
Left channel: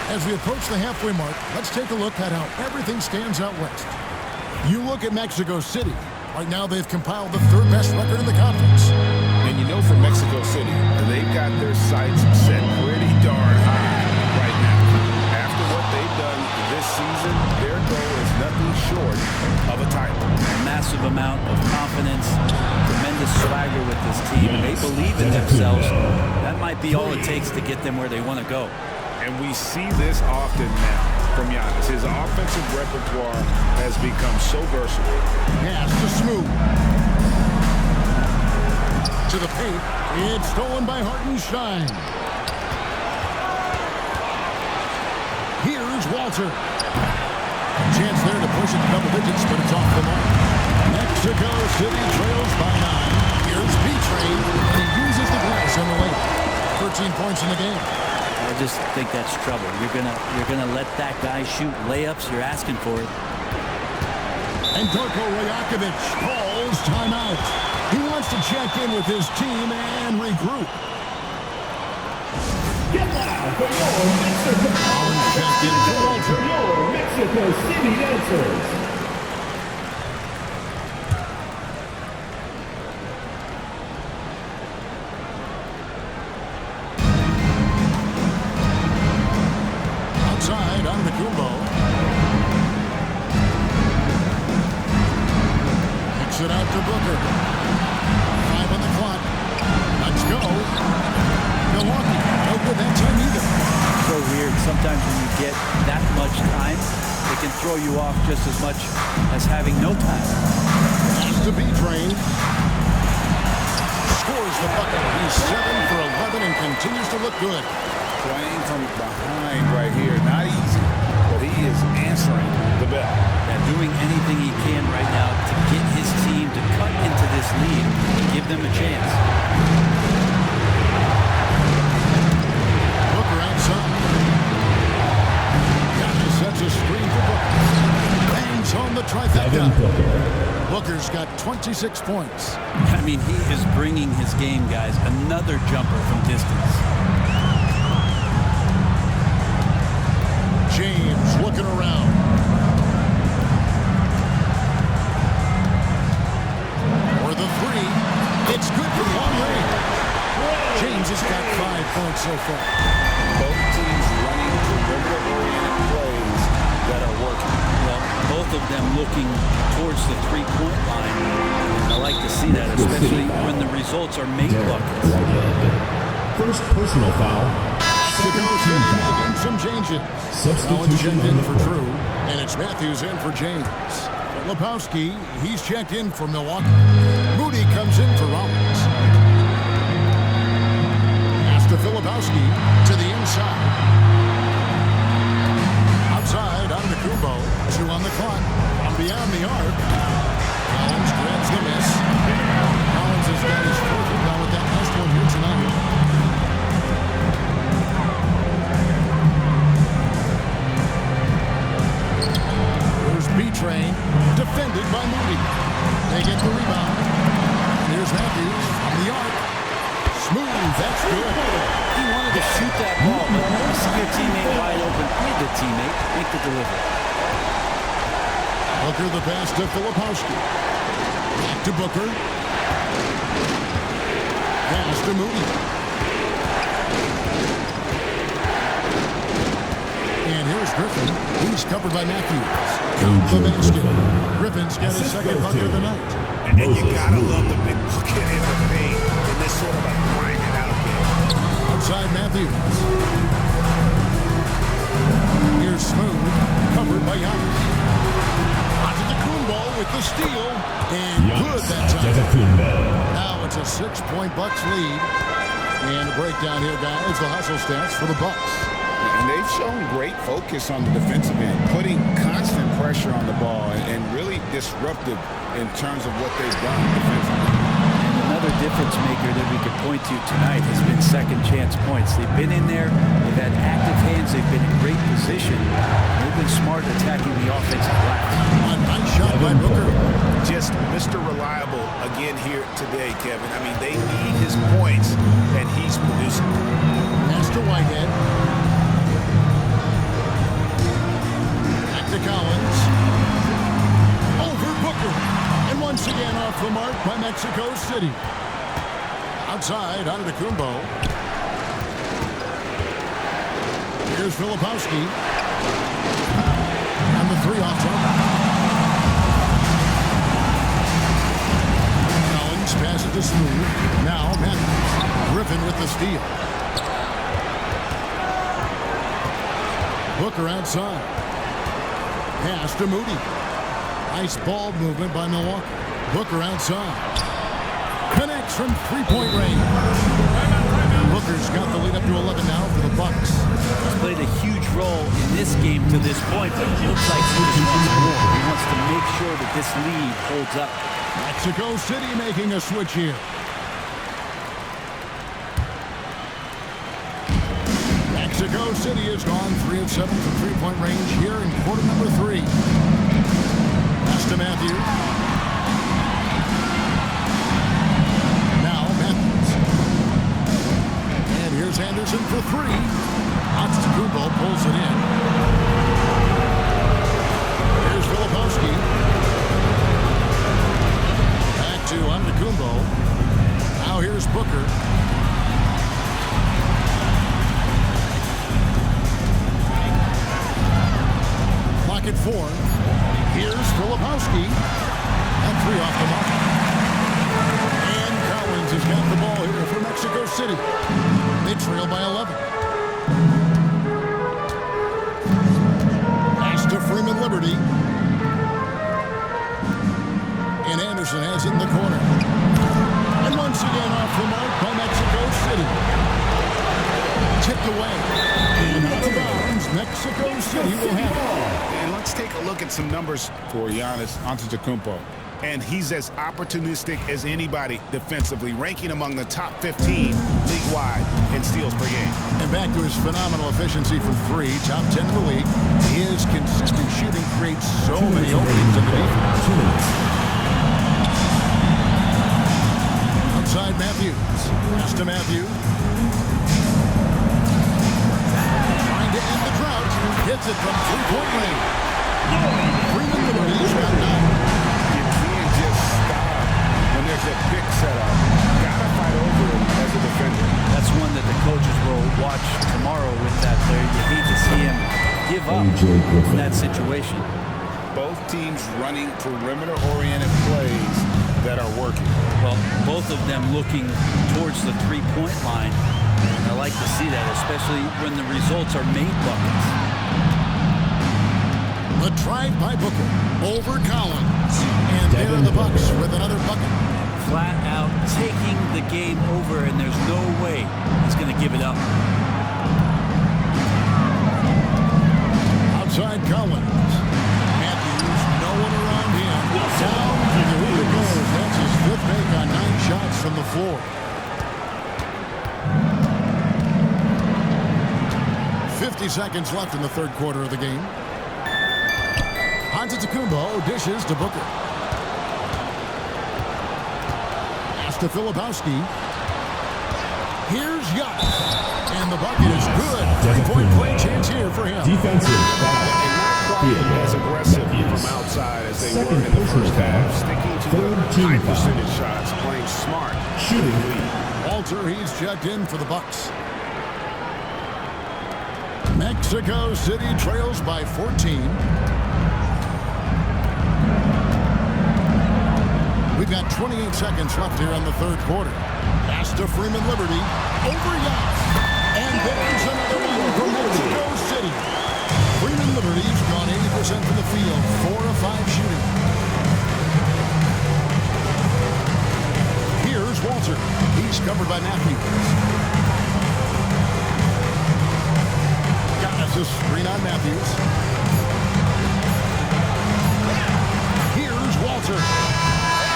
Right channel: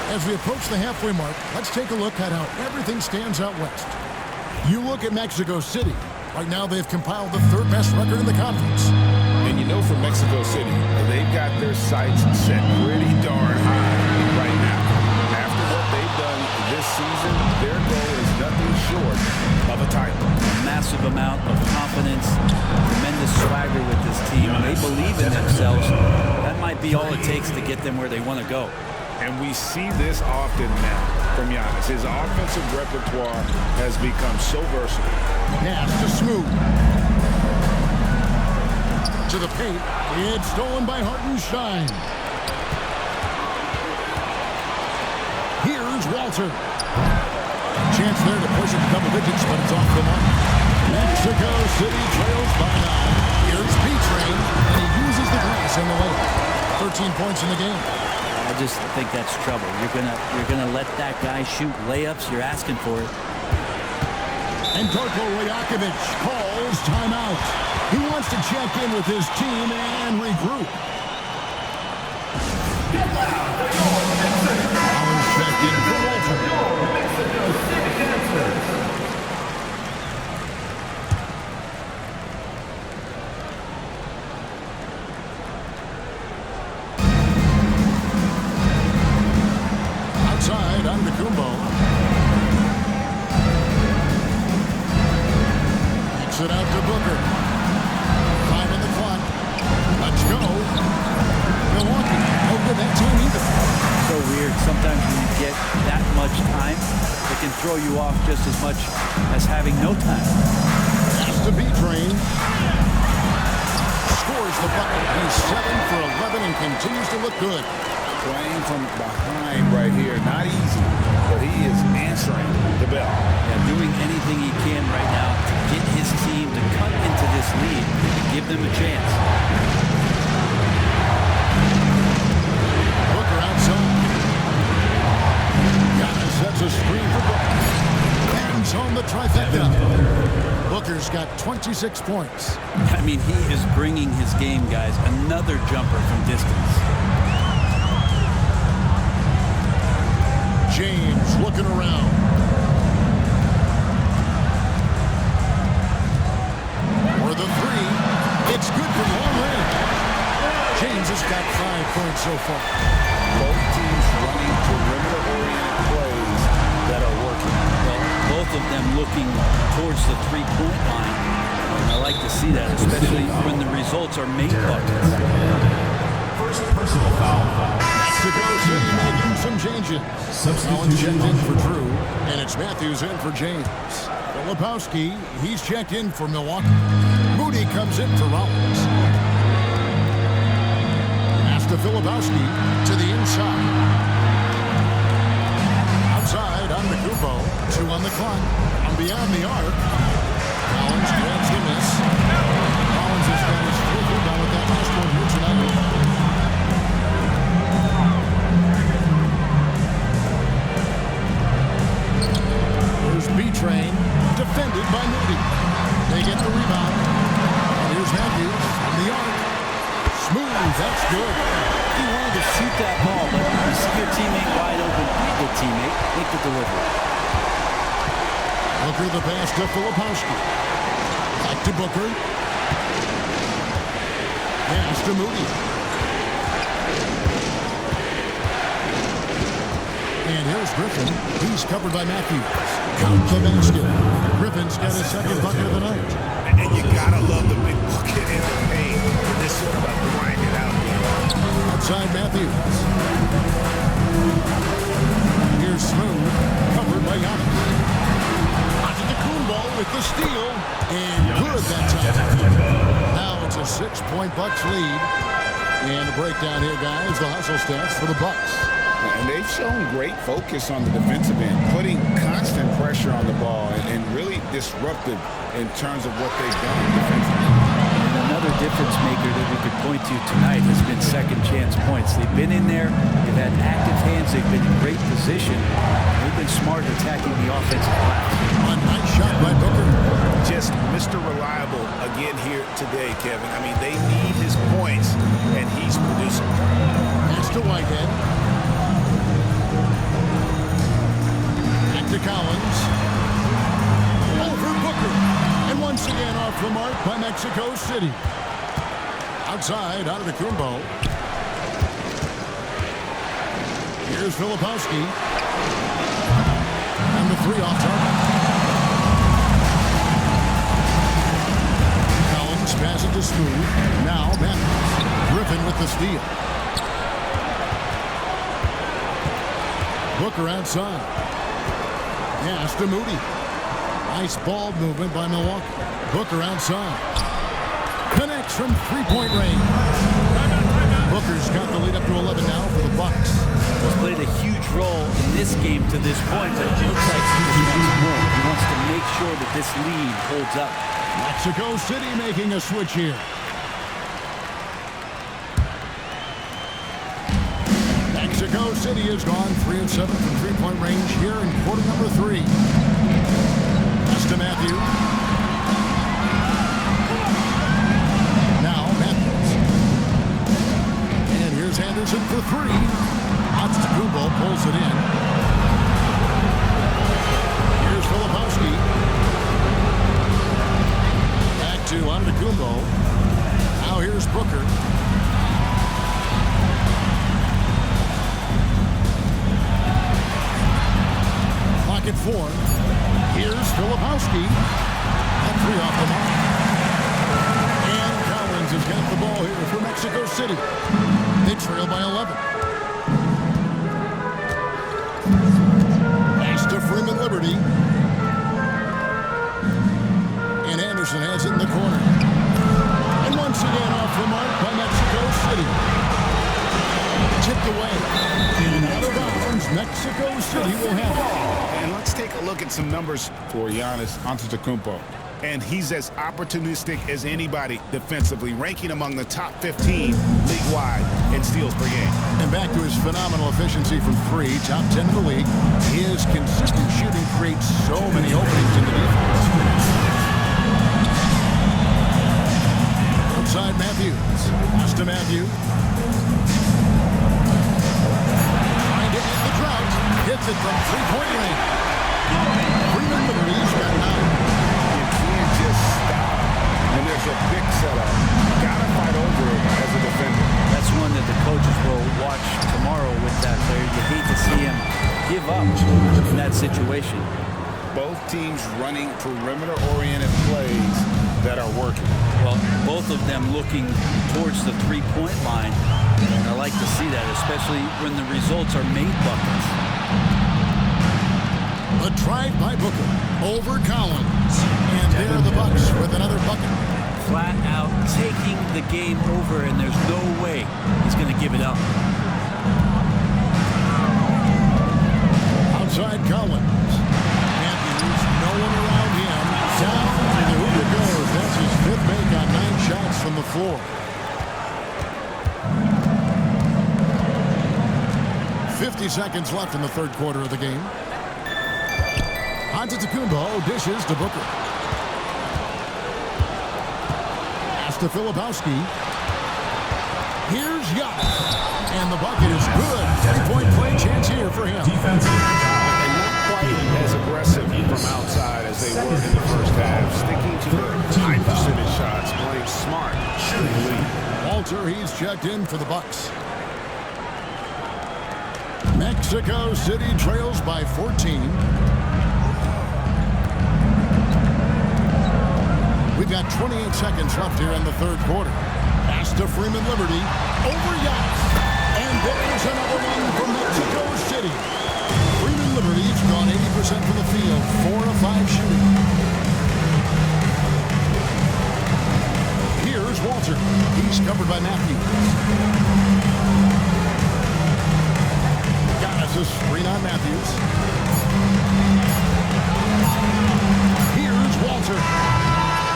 As we approach the halfway mark, let's take a look at how everything stands out west. You look at Mexico City. Right now, they've compiled the 3rd best record in the conference. And you know, for Mexico City, they've got their sights set pretty darn high right now. After what they've done this season, their goal is nothing short of a title. A massive amount of confidence, tremendous swagger with this team, and they believe in themselves. That might be all it takes to get them where they want to go. And we see this often now from Giannis. His offensive repertoire has become so versatile. Pass to Smooth. To the paint. It's stolen by Hartenstein. Here's Walter. A chance there to push it to double digits, but it's off the mark. Mexico City trails by 9. Here's B-Train, and he uses the glass on the layup. 13 points in the game. I just think that's trouble. You're gonna let that guy shoot layups. You're asking for it. And Darko Rajakovic calls timeout. He wants to check in with his team and regroup. Get loud for your Mexico. Collins checked in for Walter. Your Mexico City dancers. Outside, Antetokounmpo. Kicks it out to Booker. 5 on the clock. Let's go. Milwaukee, no good that time either. So weird. Sometimes when you get that much time, it can throw you off just as much as having no time. Pass to B-Train. Scores the bucket. He's 7 for 11 and continues to look good. Playing from behind right here, not easy, but he is answering the bell. Yeah, doing anything he can right now to get his team to cut into this lead and give them a chance. Booker outside. Giannis sets a screen for Booker. Bangs on the trifecta. Booker's got 26 points. I mean, he is bringing his game, guys. Another jumper from distance. James looking around. For the 3. It's good from long range. James has got 5 points so far. Both teams running perimeter-oriented plays that are working. Well, both of them looking towards the three-point line. And I like to see that, especially when the results are made buckets. First personal foul. Mexico City making some changes. Collins checked in for Drew, and it's Matthews in for James. Filipowski, he's checked in for Milwaukee. Moody comes in for Rollins. Pass to Filipowski to the inside. Outside, Antetokounmpo. 2 on the clock. From beyond the arc. Collins grabs the miss. They get the rebound. And here's Matthews from the arc. Smooth, that's good. He wanted to shoot that ball, but you see your teammate wide open. Be a good teammate. Make the delivery. Booker the pass to Filipowski. Back to Booker. Pass to Moody. And here's Griffin. He's covered by Matthews. Count the basket. Griffin's got his second bucket of the night. And you gotta love the big bucket in the paint in this sort of a grinded out game. Outside Matthews. Here's Smooth, covered by Giannis. Antetokounmpo with the steal, and good that time. Now it's a 6-point Bucks lead. And a breakdown here, guys, the hustle stats for the Bucks. And they've shown great focus on the defensive end, putting constant pressure on the ball and really disruptive in terms of what they've done defensively. And another difference maker that we could point to tonight has been second chance points. They've been in there. They've had active hands. They've been in great position. They've been smart attacking the offensive glass. A nice shot by Booker. Just Mr. Reliable again here today, Kevin. I mean, they need his points, and he's producing. Pass to Whitehead. Back to Collins. Over Booker. And once again off the mark by Mexico City. Outside, Antetokounmpo. Here's Filipowski. And the three off target. Collins passes to Smooth. Now Matthews. Griffin with the steal. Booker outside. Pass to Moody. Nice ball movement by Milwaukee. Booker outside. Connects from three-point range. Booker's got the lead up to 11 now for the Bucks. He's played a huge role in this game to this point, but it looks like he just wants more. He wants to make sure that this lead holds up. Mexico City making a switch here. Mexico City has gone 3 of 7 from three-point range here in quarter number 3. Pass to Matthews. Now Matthews. And here's Anderson for 3. Antetokounmpo pulls it in. Here's Filipowski. Back to Antetokounmpo. Now here's Booker. Clock at 4. Here's Filipowski. That 3 off the mark. And Collins has got the ball here for Mexico City. They trail by 11. Pass to Freeman Liberty. And Anderson has it in the corner. And once again off the mark by Mexico City. Tipped away. And out of bounds, Mexico City will have it. And let's take a look at some numbers for Giannis Antetokounmpo. And he's as opportunistic as anybody defensively, ranking among the top 15 league-wide in steals per game. And back to his phenomenal efficiency from 3, top 10 in the league. His consistent shooting creates so many openings in the defense. 2 minutes. Outside Matthews. Pass to Matthews. Trying to end the drought. Hits it from three-point range. Freeman Liberty's got 9. You can't just stop when there's a pick set up. Gotta fight over it as a defender. That's one that the coaches will watch tomorrow with that player. You hate to see him give up in that situation. Both teams running perimeter-oriented plays that are working. Well, both of them looking towards the three-point line. And I like to see that, especially when the results are made buckets. The drive by Booker over Collins. And there are the Bucks with another bucket. Flat out taking the game over, and there's no way he's going to give it up. Outside Collins. Matthews, no one around him. Down to the hoop it goes. That's his 5th make on 9 shots from the floor. 50 seconds left in the 3rd quarter of the game. Antetokounmpo dishes to Booker. to Filipowski. Here's Giannis. And the bucket is good. Three-point play chance here for him. Defensive foul. And not quite as aggressive from outside as they were in the first half. Sticking to the high percentage shots, playing smart, shooting lead. Walter, he's checked in for the Bucks. Mexico City trails by 14. We've got 28 seconds left here in the third quarter. Pass to Freeman Liberty. Over Giannis. And there's another one from Mexico City. Freeman Liberty's gone 80% from the field. 4 of 5 shooting. Here's Walter. He's covered by Matthews. Giannis a screen on Matthews. Here's Walter.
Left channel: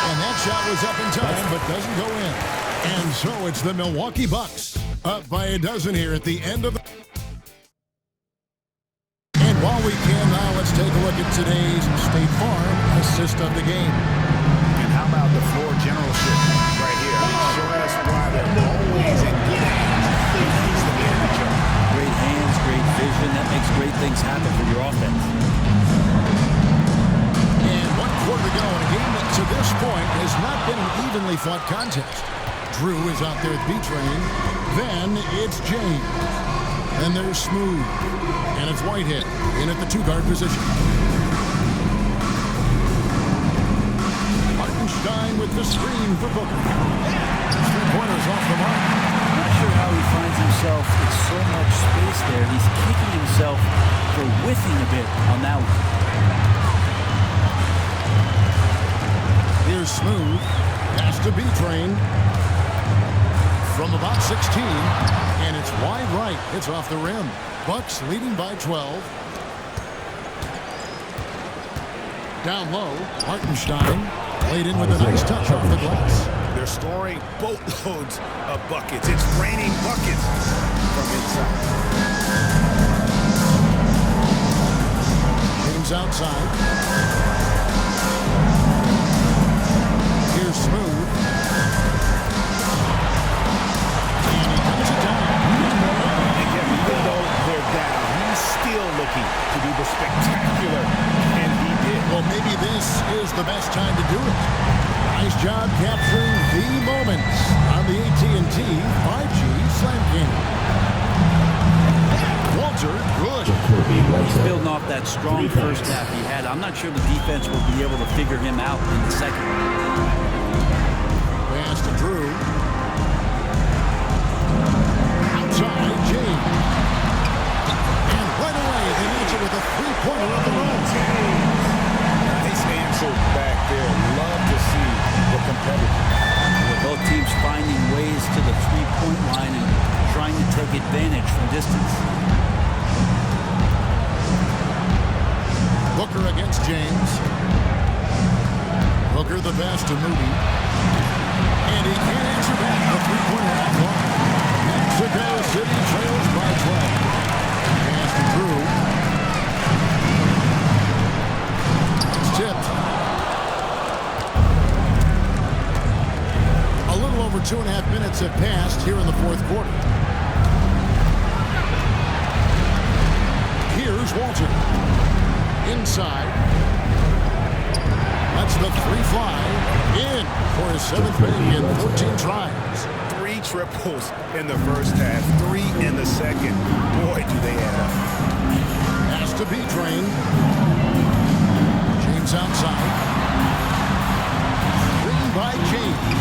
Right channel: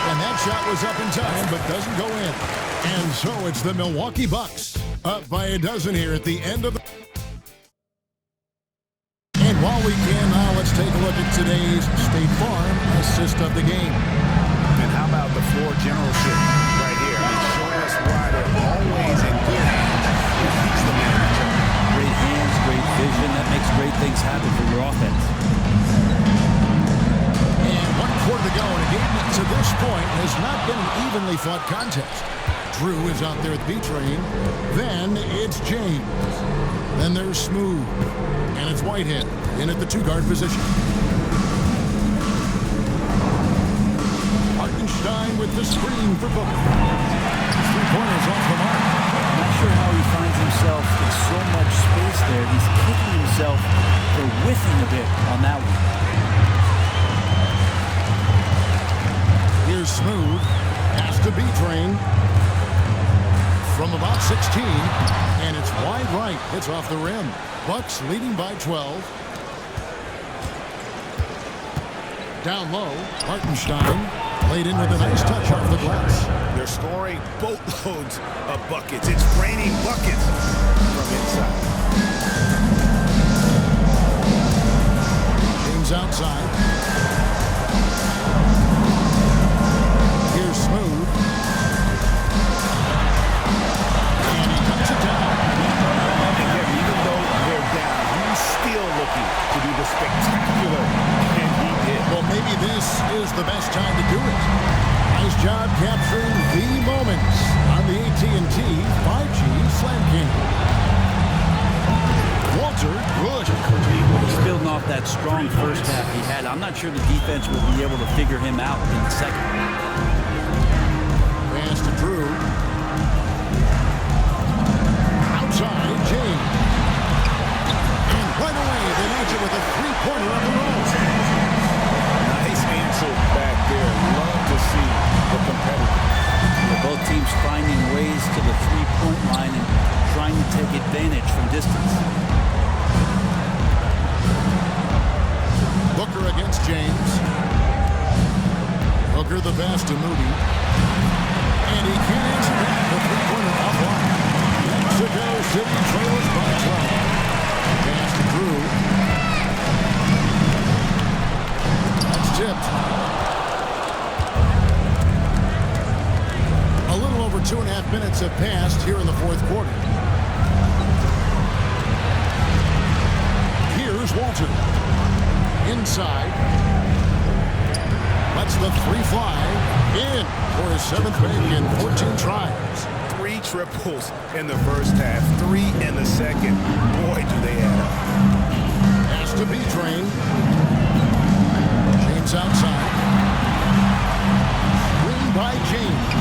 And that shot was up in time, but doesn't go in. And so it's the Milwaukee Bucks up by a dozen here at the end of the... And while we can now, let's take a look at today's State Farm assist of the game. And how about the floor generalship right here? I mean, showing us why they're always in good hands if he's the man in charge. Great hands, great vision. That makes great things happen for your offense. And 1 quarter to go in a game that to this point has not been an evenly fought contest. Drew is out there with B-Train. Then it's James. Then there's Smooth. And it's Whitehead in at the 2-guard position. Hartenstein with the screen for Booker. His 3-pointers off the mark. Not sure how he finds himself in so much space there. He's kicking himself for whiffing a bit on that one. Here's Smooth. Pass to B-Train. From about 16. And it's wide right. It's off the rim. Bucks leading by 12. Down low. Hartenstein. Laid in with a nice touch off the glass. They're scoring boatloads of buckets. It's raining buckets from inside. James outside. Here's Smooth. And he comes it down. And Kevin, even though they're down, he's still looking to do the spectacular, and he did. Well, maybe this is the best time to do it. Nice job capturing the moments on the AT&T 5G Slam King. Walter, good. He's building off that strong first half he had. I'm not sure the defense will be able to figure him out in the second. Pass to Drew. Outside, James. And right away, they match it with a 3-pointer of their own. Nice answer back there. Love to see the competitor. Yeah, both teams finding ways to the 3-point line and trying to take advantage from distance. Booker against James. Booker the pass to Moody. And he can't answer back. The 3-pointer offline. Mexico City trails by 12. Pass to Drew. That's tipped. A little over 2.5 minutes have passed here in the fourth quarter. Here's Walter. Inside. Lets the 3 fly in for his 7th make in 14 tries. 3 triples in the first half, 3 in the second. Boy, do they add up. Pass to B-Train. James outside. Screen by James.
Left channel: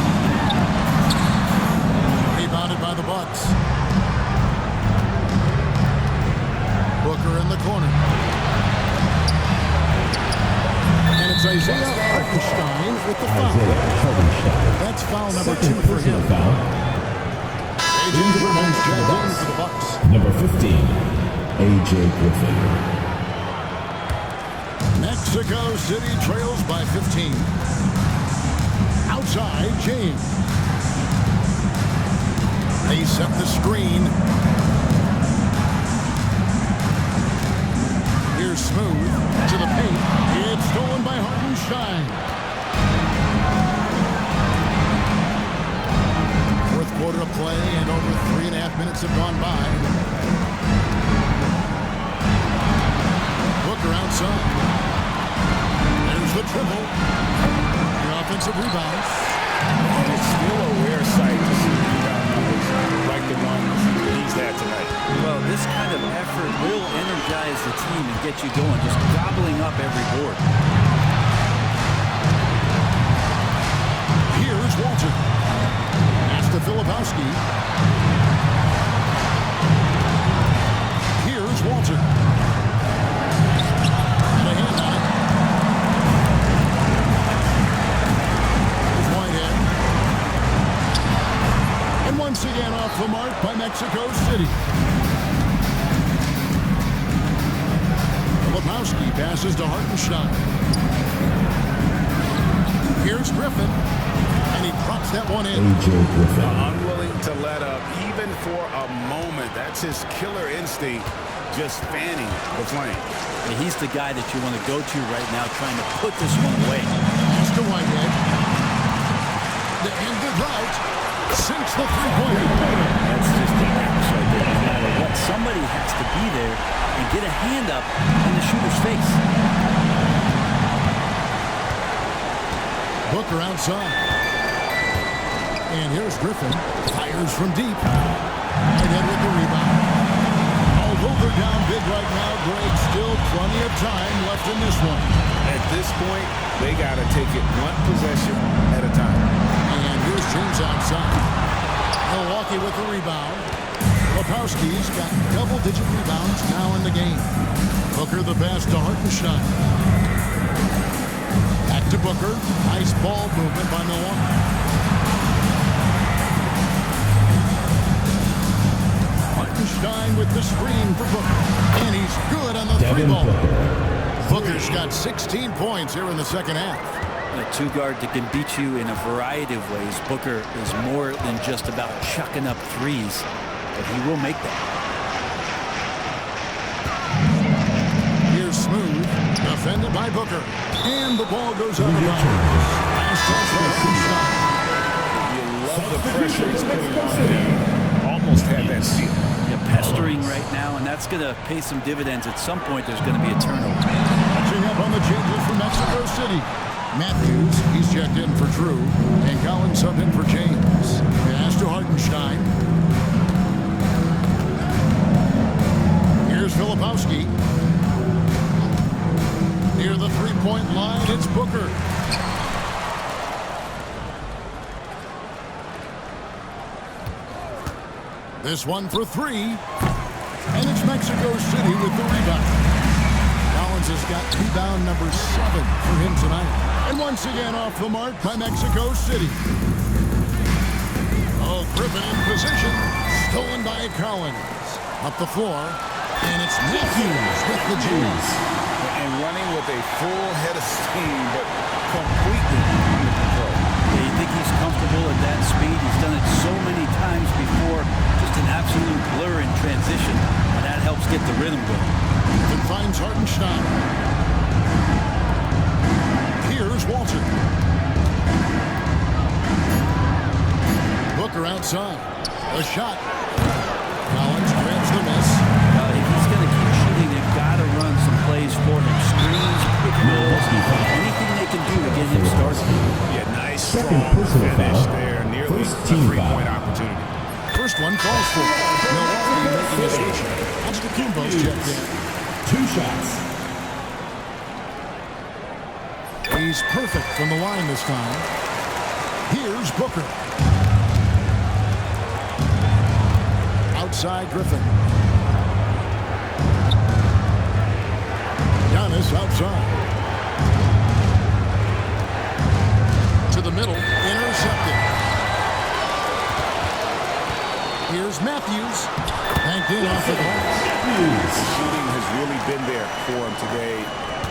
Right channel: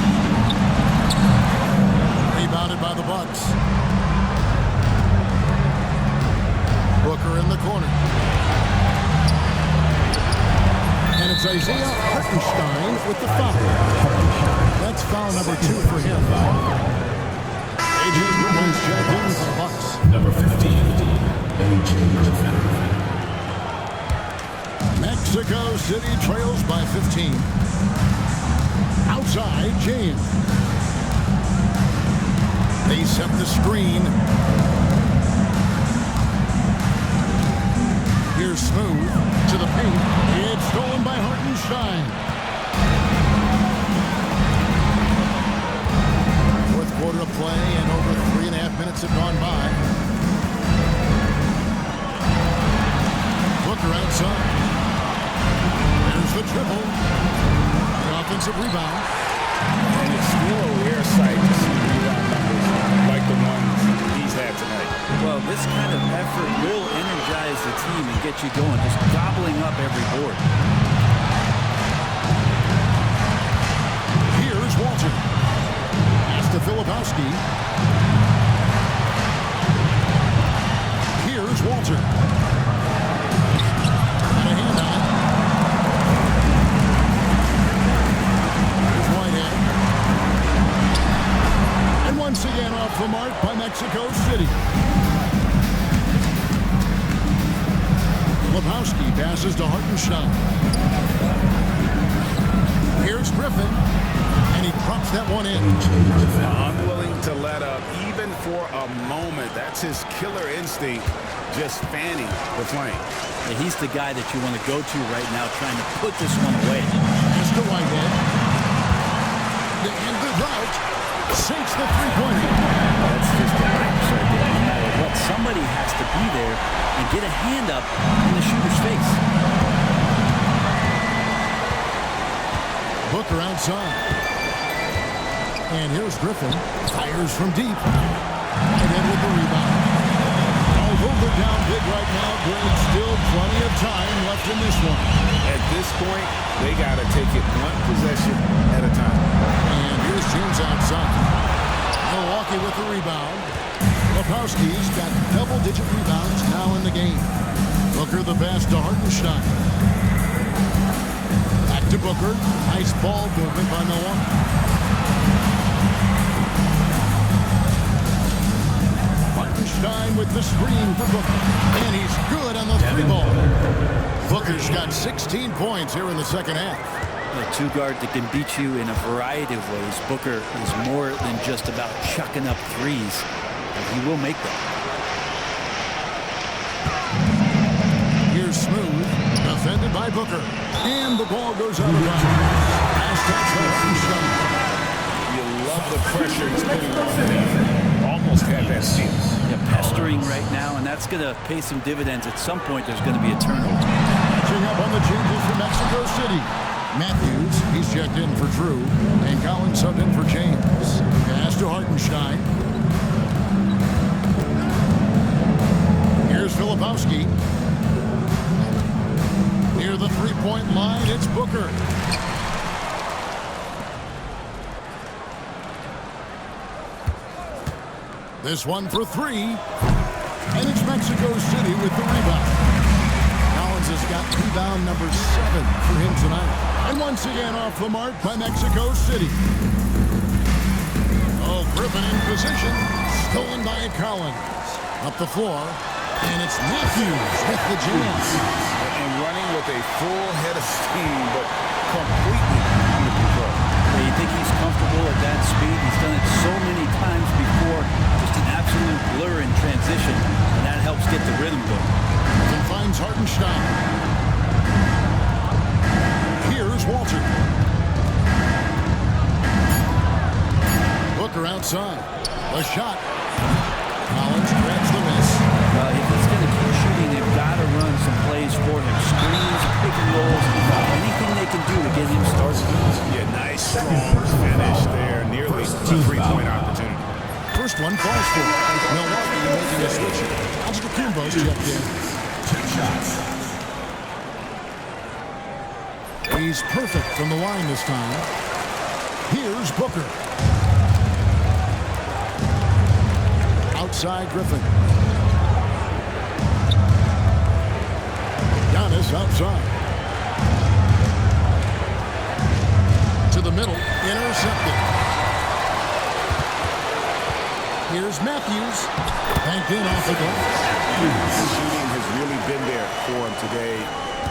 Rebounded by the Bucks. Booker in the corner. And it's Isaiah Hartenstein with the foul. That's foul number 2 for him. A.J. Griffin's checked in for the Bucks. Number 15, A.J. Griffin. Mexico City trails by 15. Outside, James. They set the screen. Here's Smooth to the paint. It's stolen by Hartenstein. quarter of play, and over 3.5 minutes have gone by. Booker outside. There's the dribble. The offensive rebound. And it's still a rare sight to see rebound numbers like the ones he's had tonight. Well, this kind of effort will energize the team and get you going, just gobbling up every board. Here's Walter. Pass to Filipowski. Here's Walter. And a hand on it. Here's Whitehead. And once again off the mark by Mexico City. Filipowski passes to Hartenstein. Here's Griffin. And he drops that one in. Unwilling to let up even for a moment. That's his killer instinct, just fanning the flame. Yeah, he's the guy that you want to go to right now, trying to put this one away. Pass to Whitehead. To end the drought. Sinks the three-pointer. That's just a lapse right there. No matter what, somebody has to be there and get a hand up in the shooter's face. Booker outside. And here's Griffin. Fires from deep. Whitehead with the rebound. Although they're down big right now, Greg, still plenty of time left in this one. At this point, they got to take it one possession at a time. And here's James outside. Milwaukee with the rebound. Lepowski's got double-digit rebounds now in the game. Booker the pass to Hartenstein. Back to Booker. Nice ball movement by Milwaukee. Hartenstein with the screen for Booker. And he's good on the three ball. Booker's got 16 points here in the second half. A two-guard that can beat you in a variety of ways. Booker is more than just about chucking up threes, but he will make them. Here's Smooth, defended by Booker. And the ball goes out of bounds. Last touch by Hartenstein. You love the pressure he's putting on him. Almost had that steal. Yeah, pestering right now, and that's going to pay some dividends. At some point, there's going to be a turnover. Catching up on the changes for Mexico City. Matthews, he's checked in for Drew, and Collins subbed in for James. Pass to Hartenstein. Here's Filipowski. Near the three-point line, it's Booker. This one for three. And it's Mexico City with the rebound. Collins has got rebound number 7 for him tonight. And once again off the mark by Mexico City. Oh, Griffin in position. Stolen by Collins. Up the floor. And it's Matthews with the jams. And running with a full head of steam, but completely under control. Yeah, you think he's comfortable at that speed? He's done it so many times before. Just an absolute blur in transition, and that helps get the rhythm going. And finds Hartenstein. Here's Walter. Booker outside. A shot. Collins grabs the miss. If he's going to keep shooting, they've got to run some plays for him. Screens, pick and rolls, anything they can do to get him started. Yeah, nice, strong finish there. Nearly a three-point opportunity. First one falls for Milwaukee making a switch. Antetokounmpo's checked in. 2 shots. He's perfect from the line this time. Here's Booker. Outside Griffin. Giannis outside. To the middle, intercepted. Here's Matthews. Banked in off the glass. The shooting has really been there for him today,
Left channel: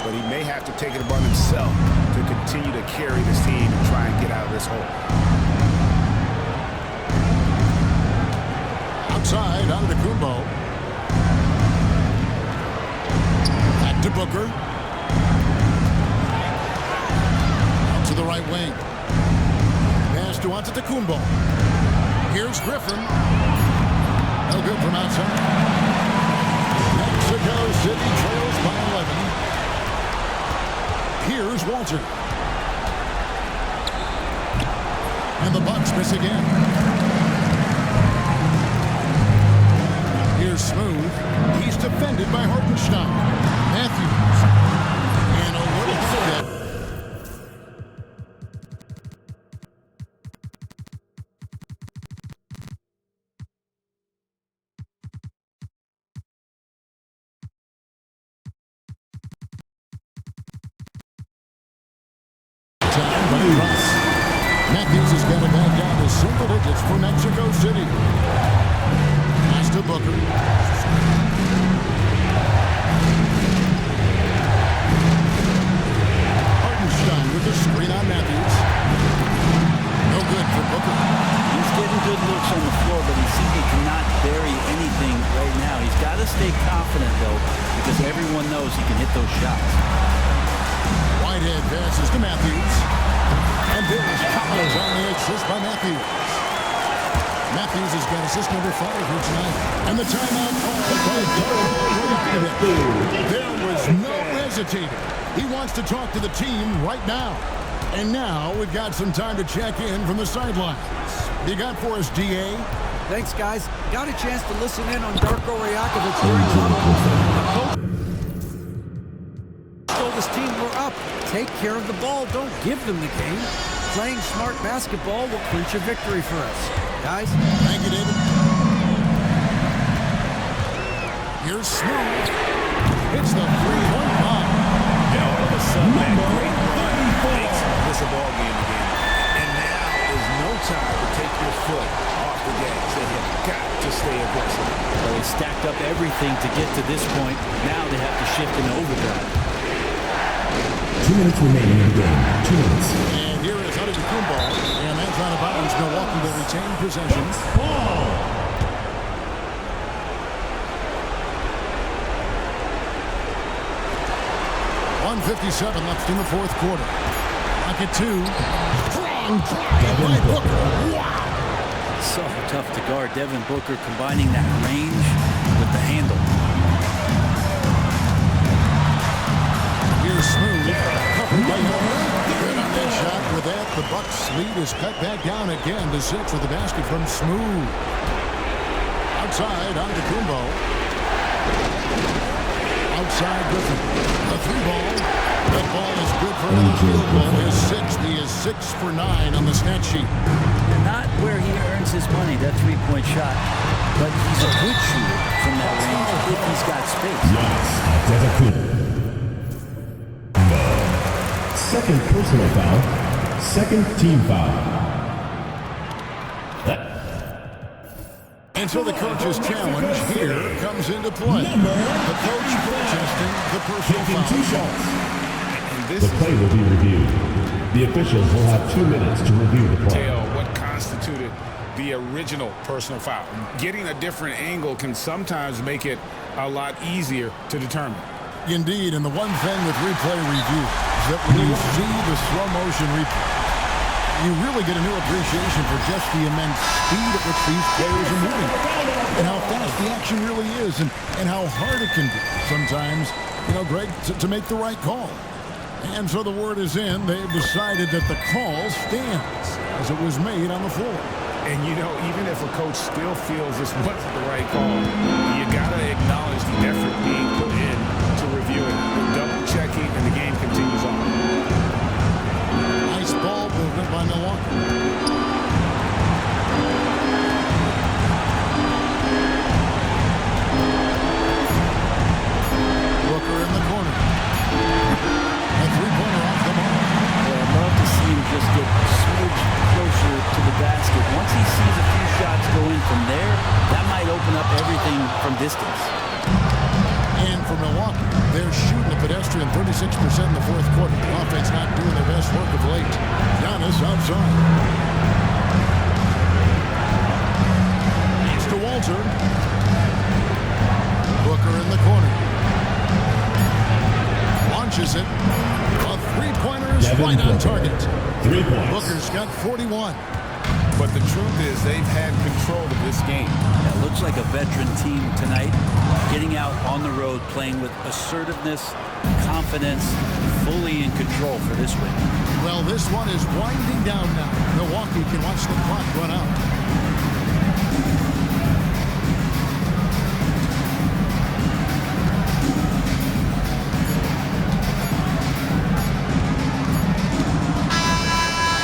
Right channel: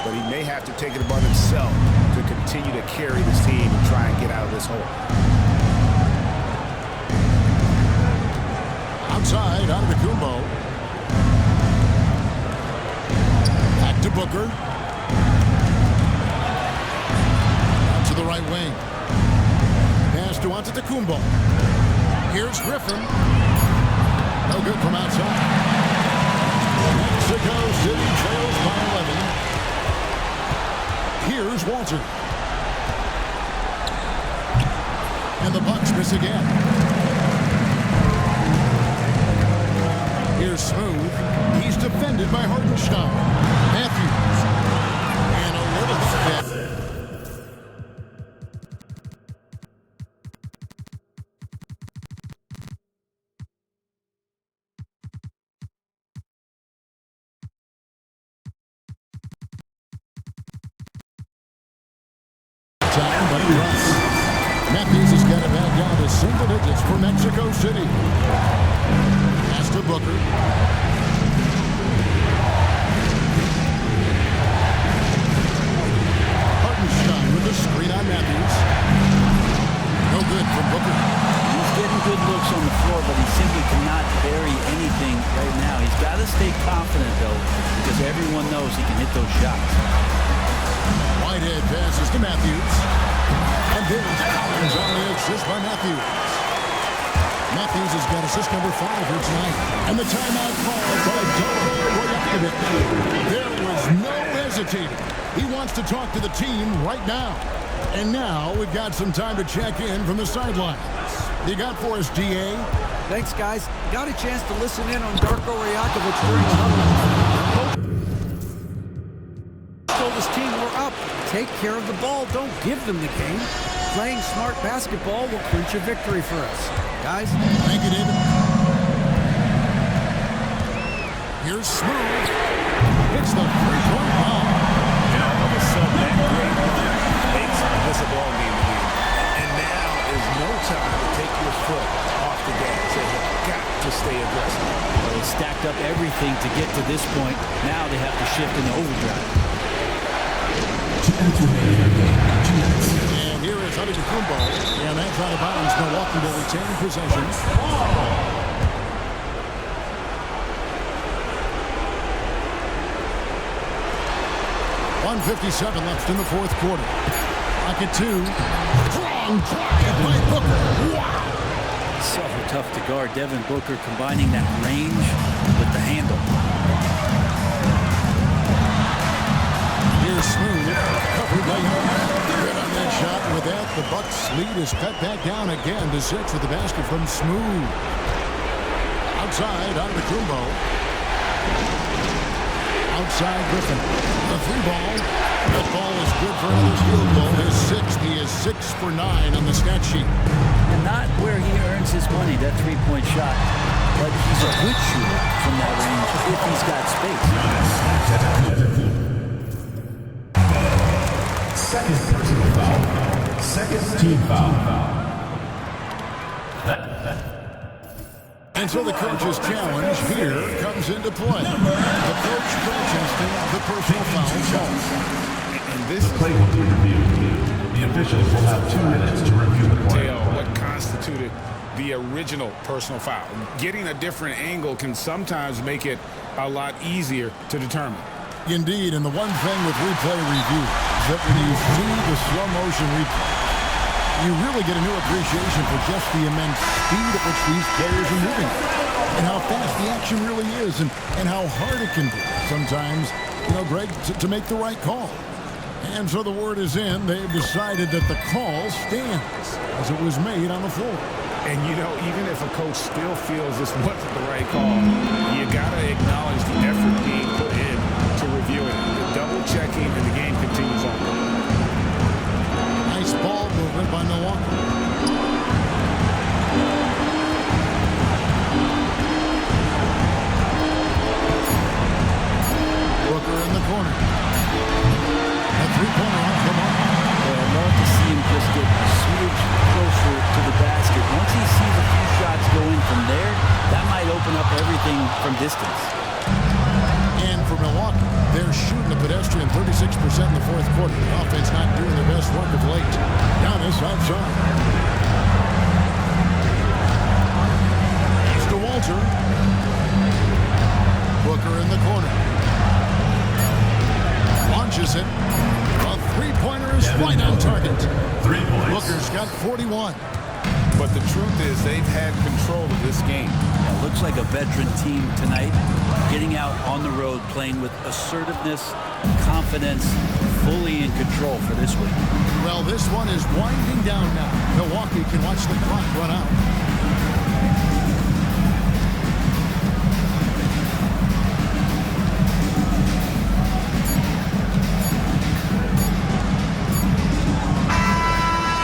but he may have to take it upon himself to continue to carry this team and try and get out of this hole. Outside, Antetokounmpo. Back to Booker. Out to the right wing. Pass to Antetokounmpo. Here's Griffin. No good from outside. Mexico City trails by 11. Here's Walter. And the Bucks miss again. Here's Smooth. He's defended by Hartenstein. Matthews. And a little hook that. Time, but he drops. Matthews has got it back down to single digits for Mexico City. Pass to Booker. Hartenstein with the screen on Matthews. No good from Booker. He's getting good looks on the floor, but he simply cannot bury anything right now. He's got to stay confident, though, because everyone knows he can hit those shots. Whitehead passes to Matthews. And there's Collins on the assist by Matthews. Matthews has got assist number 5 here tonight. And the timeout called by Darko Rajakovic. There was no hesitating. He wants to talk to the team right now. And now we've got some time to check in from the sidelines. You got for us, DA? Thanks, guys. Got a chance to listen in on Darko Rajakovic during the huddle. Coach told his team, we're up. Take care of the ball. Don't give them the game. Playing smart basketball will clinch a victory for us. Guys? Thank you, David. Here's Smooth. Hits the three-point bomb. And all of a sudden, that great run makes this a ball game again. And now is no time to take your foot off the gas. They have got to stay aggressive. Well, they stacked up everything to get to this point. Now they have to shift into overdrive. 2 minutes remaining in the game. 2 minutes. And here is Antetokounmpo. And that's out of bounds. Milwaukee will retain possession. 1:57 left in the fourth quarter. Rocket 2. Strong drive by Booker. Wow. So tough to guard. Devin Booker combining that range with the handle. Here's Smooth. Covered by Giannis. Good on that shot. With that, the Bucks' lead is cut back down again to 6 with the basket from Smooth. Outside, Antetokounmpo. Outside, Griffin. The 3-ball. That ball is good for another field goal. His 6th. He is 6 for 9 on the stat sheet. And not where he earns his money, that three-point shot. But he's a good shooter from that range if he's got space. Second personal foul. Second team foul. And so the coach's challenge here comes into play. The coach protesting the personal foul call. And this The play will be reviewed. The officials will have 2 minutes to review the play. Tell what constituted the original personal foul. Getting a different angle can sometimes make it a lot easier to determine. Indeed, and the one thing with replay review is that when you see the slow motion replay, you really get a new appreciation for just the immense speed at which these players are moving and how fast the action really is and how hard it can be sometimes, Greg, to make the right call. And so the word is in. They've decided that the call stands as it was made on the floor. And, even if a coach still feels this wasn't the right call, you got to acknowledge the effort being put in to review it. The double checking, and the game continues on. Nice ball movement by Milwaukee. Booker in the corner. A three-pointer off the mark. Boy, I'd love to see him just get a smidge closer to the basket. Once he sees a few shots go in from there, that might open up everything from distance. And for Milwaukee, they're shooting a pedestrian 36% in the fourth quarter. The offense not doing their best work of late. Giannis outside. Pass to Walter. Booker in the corner. Launches it. A three-pointer is right on target. 3 points. Booker's got 41. But the truth is they've had control of this game. Yeah, looks like a veteran team tonight, getting out on the road, playing with assertiveness, confidence, fully in control for this win. Well, this one is winding down now. Milwaukee can watch the clock run out.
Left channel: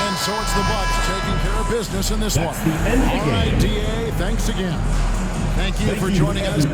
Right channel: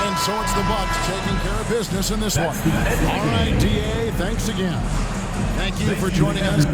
And so it's the Bucks taking care of business in this one. All right, DA, thanks again. Thank you for joining us.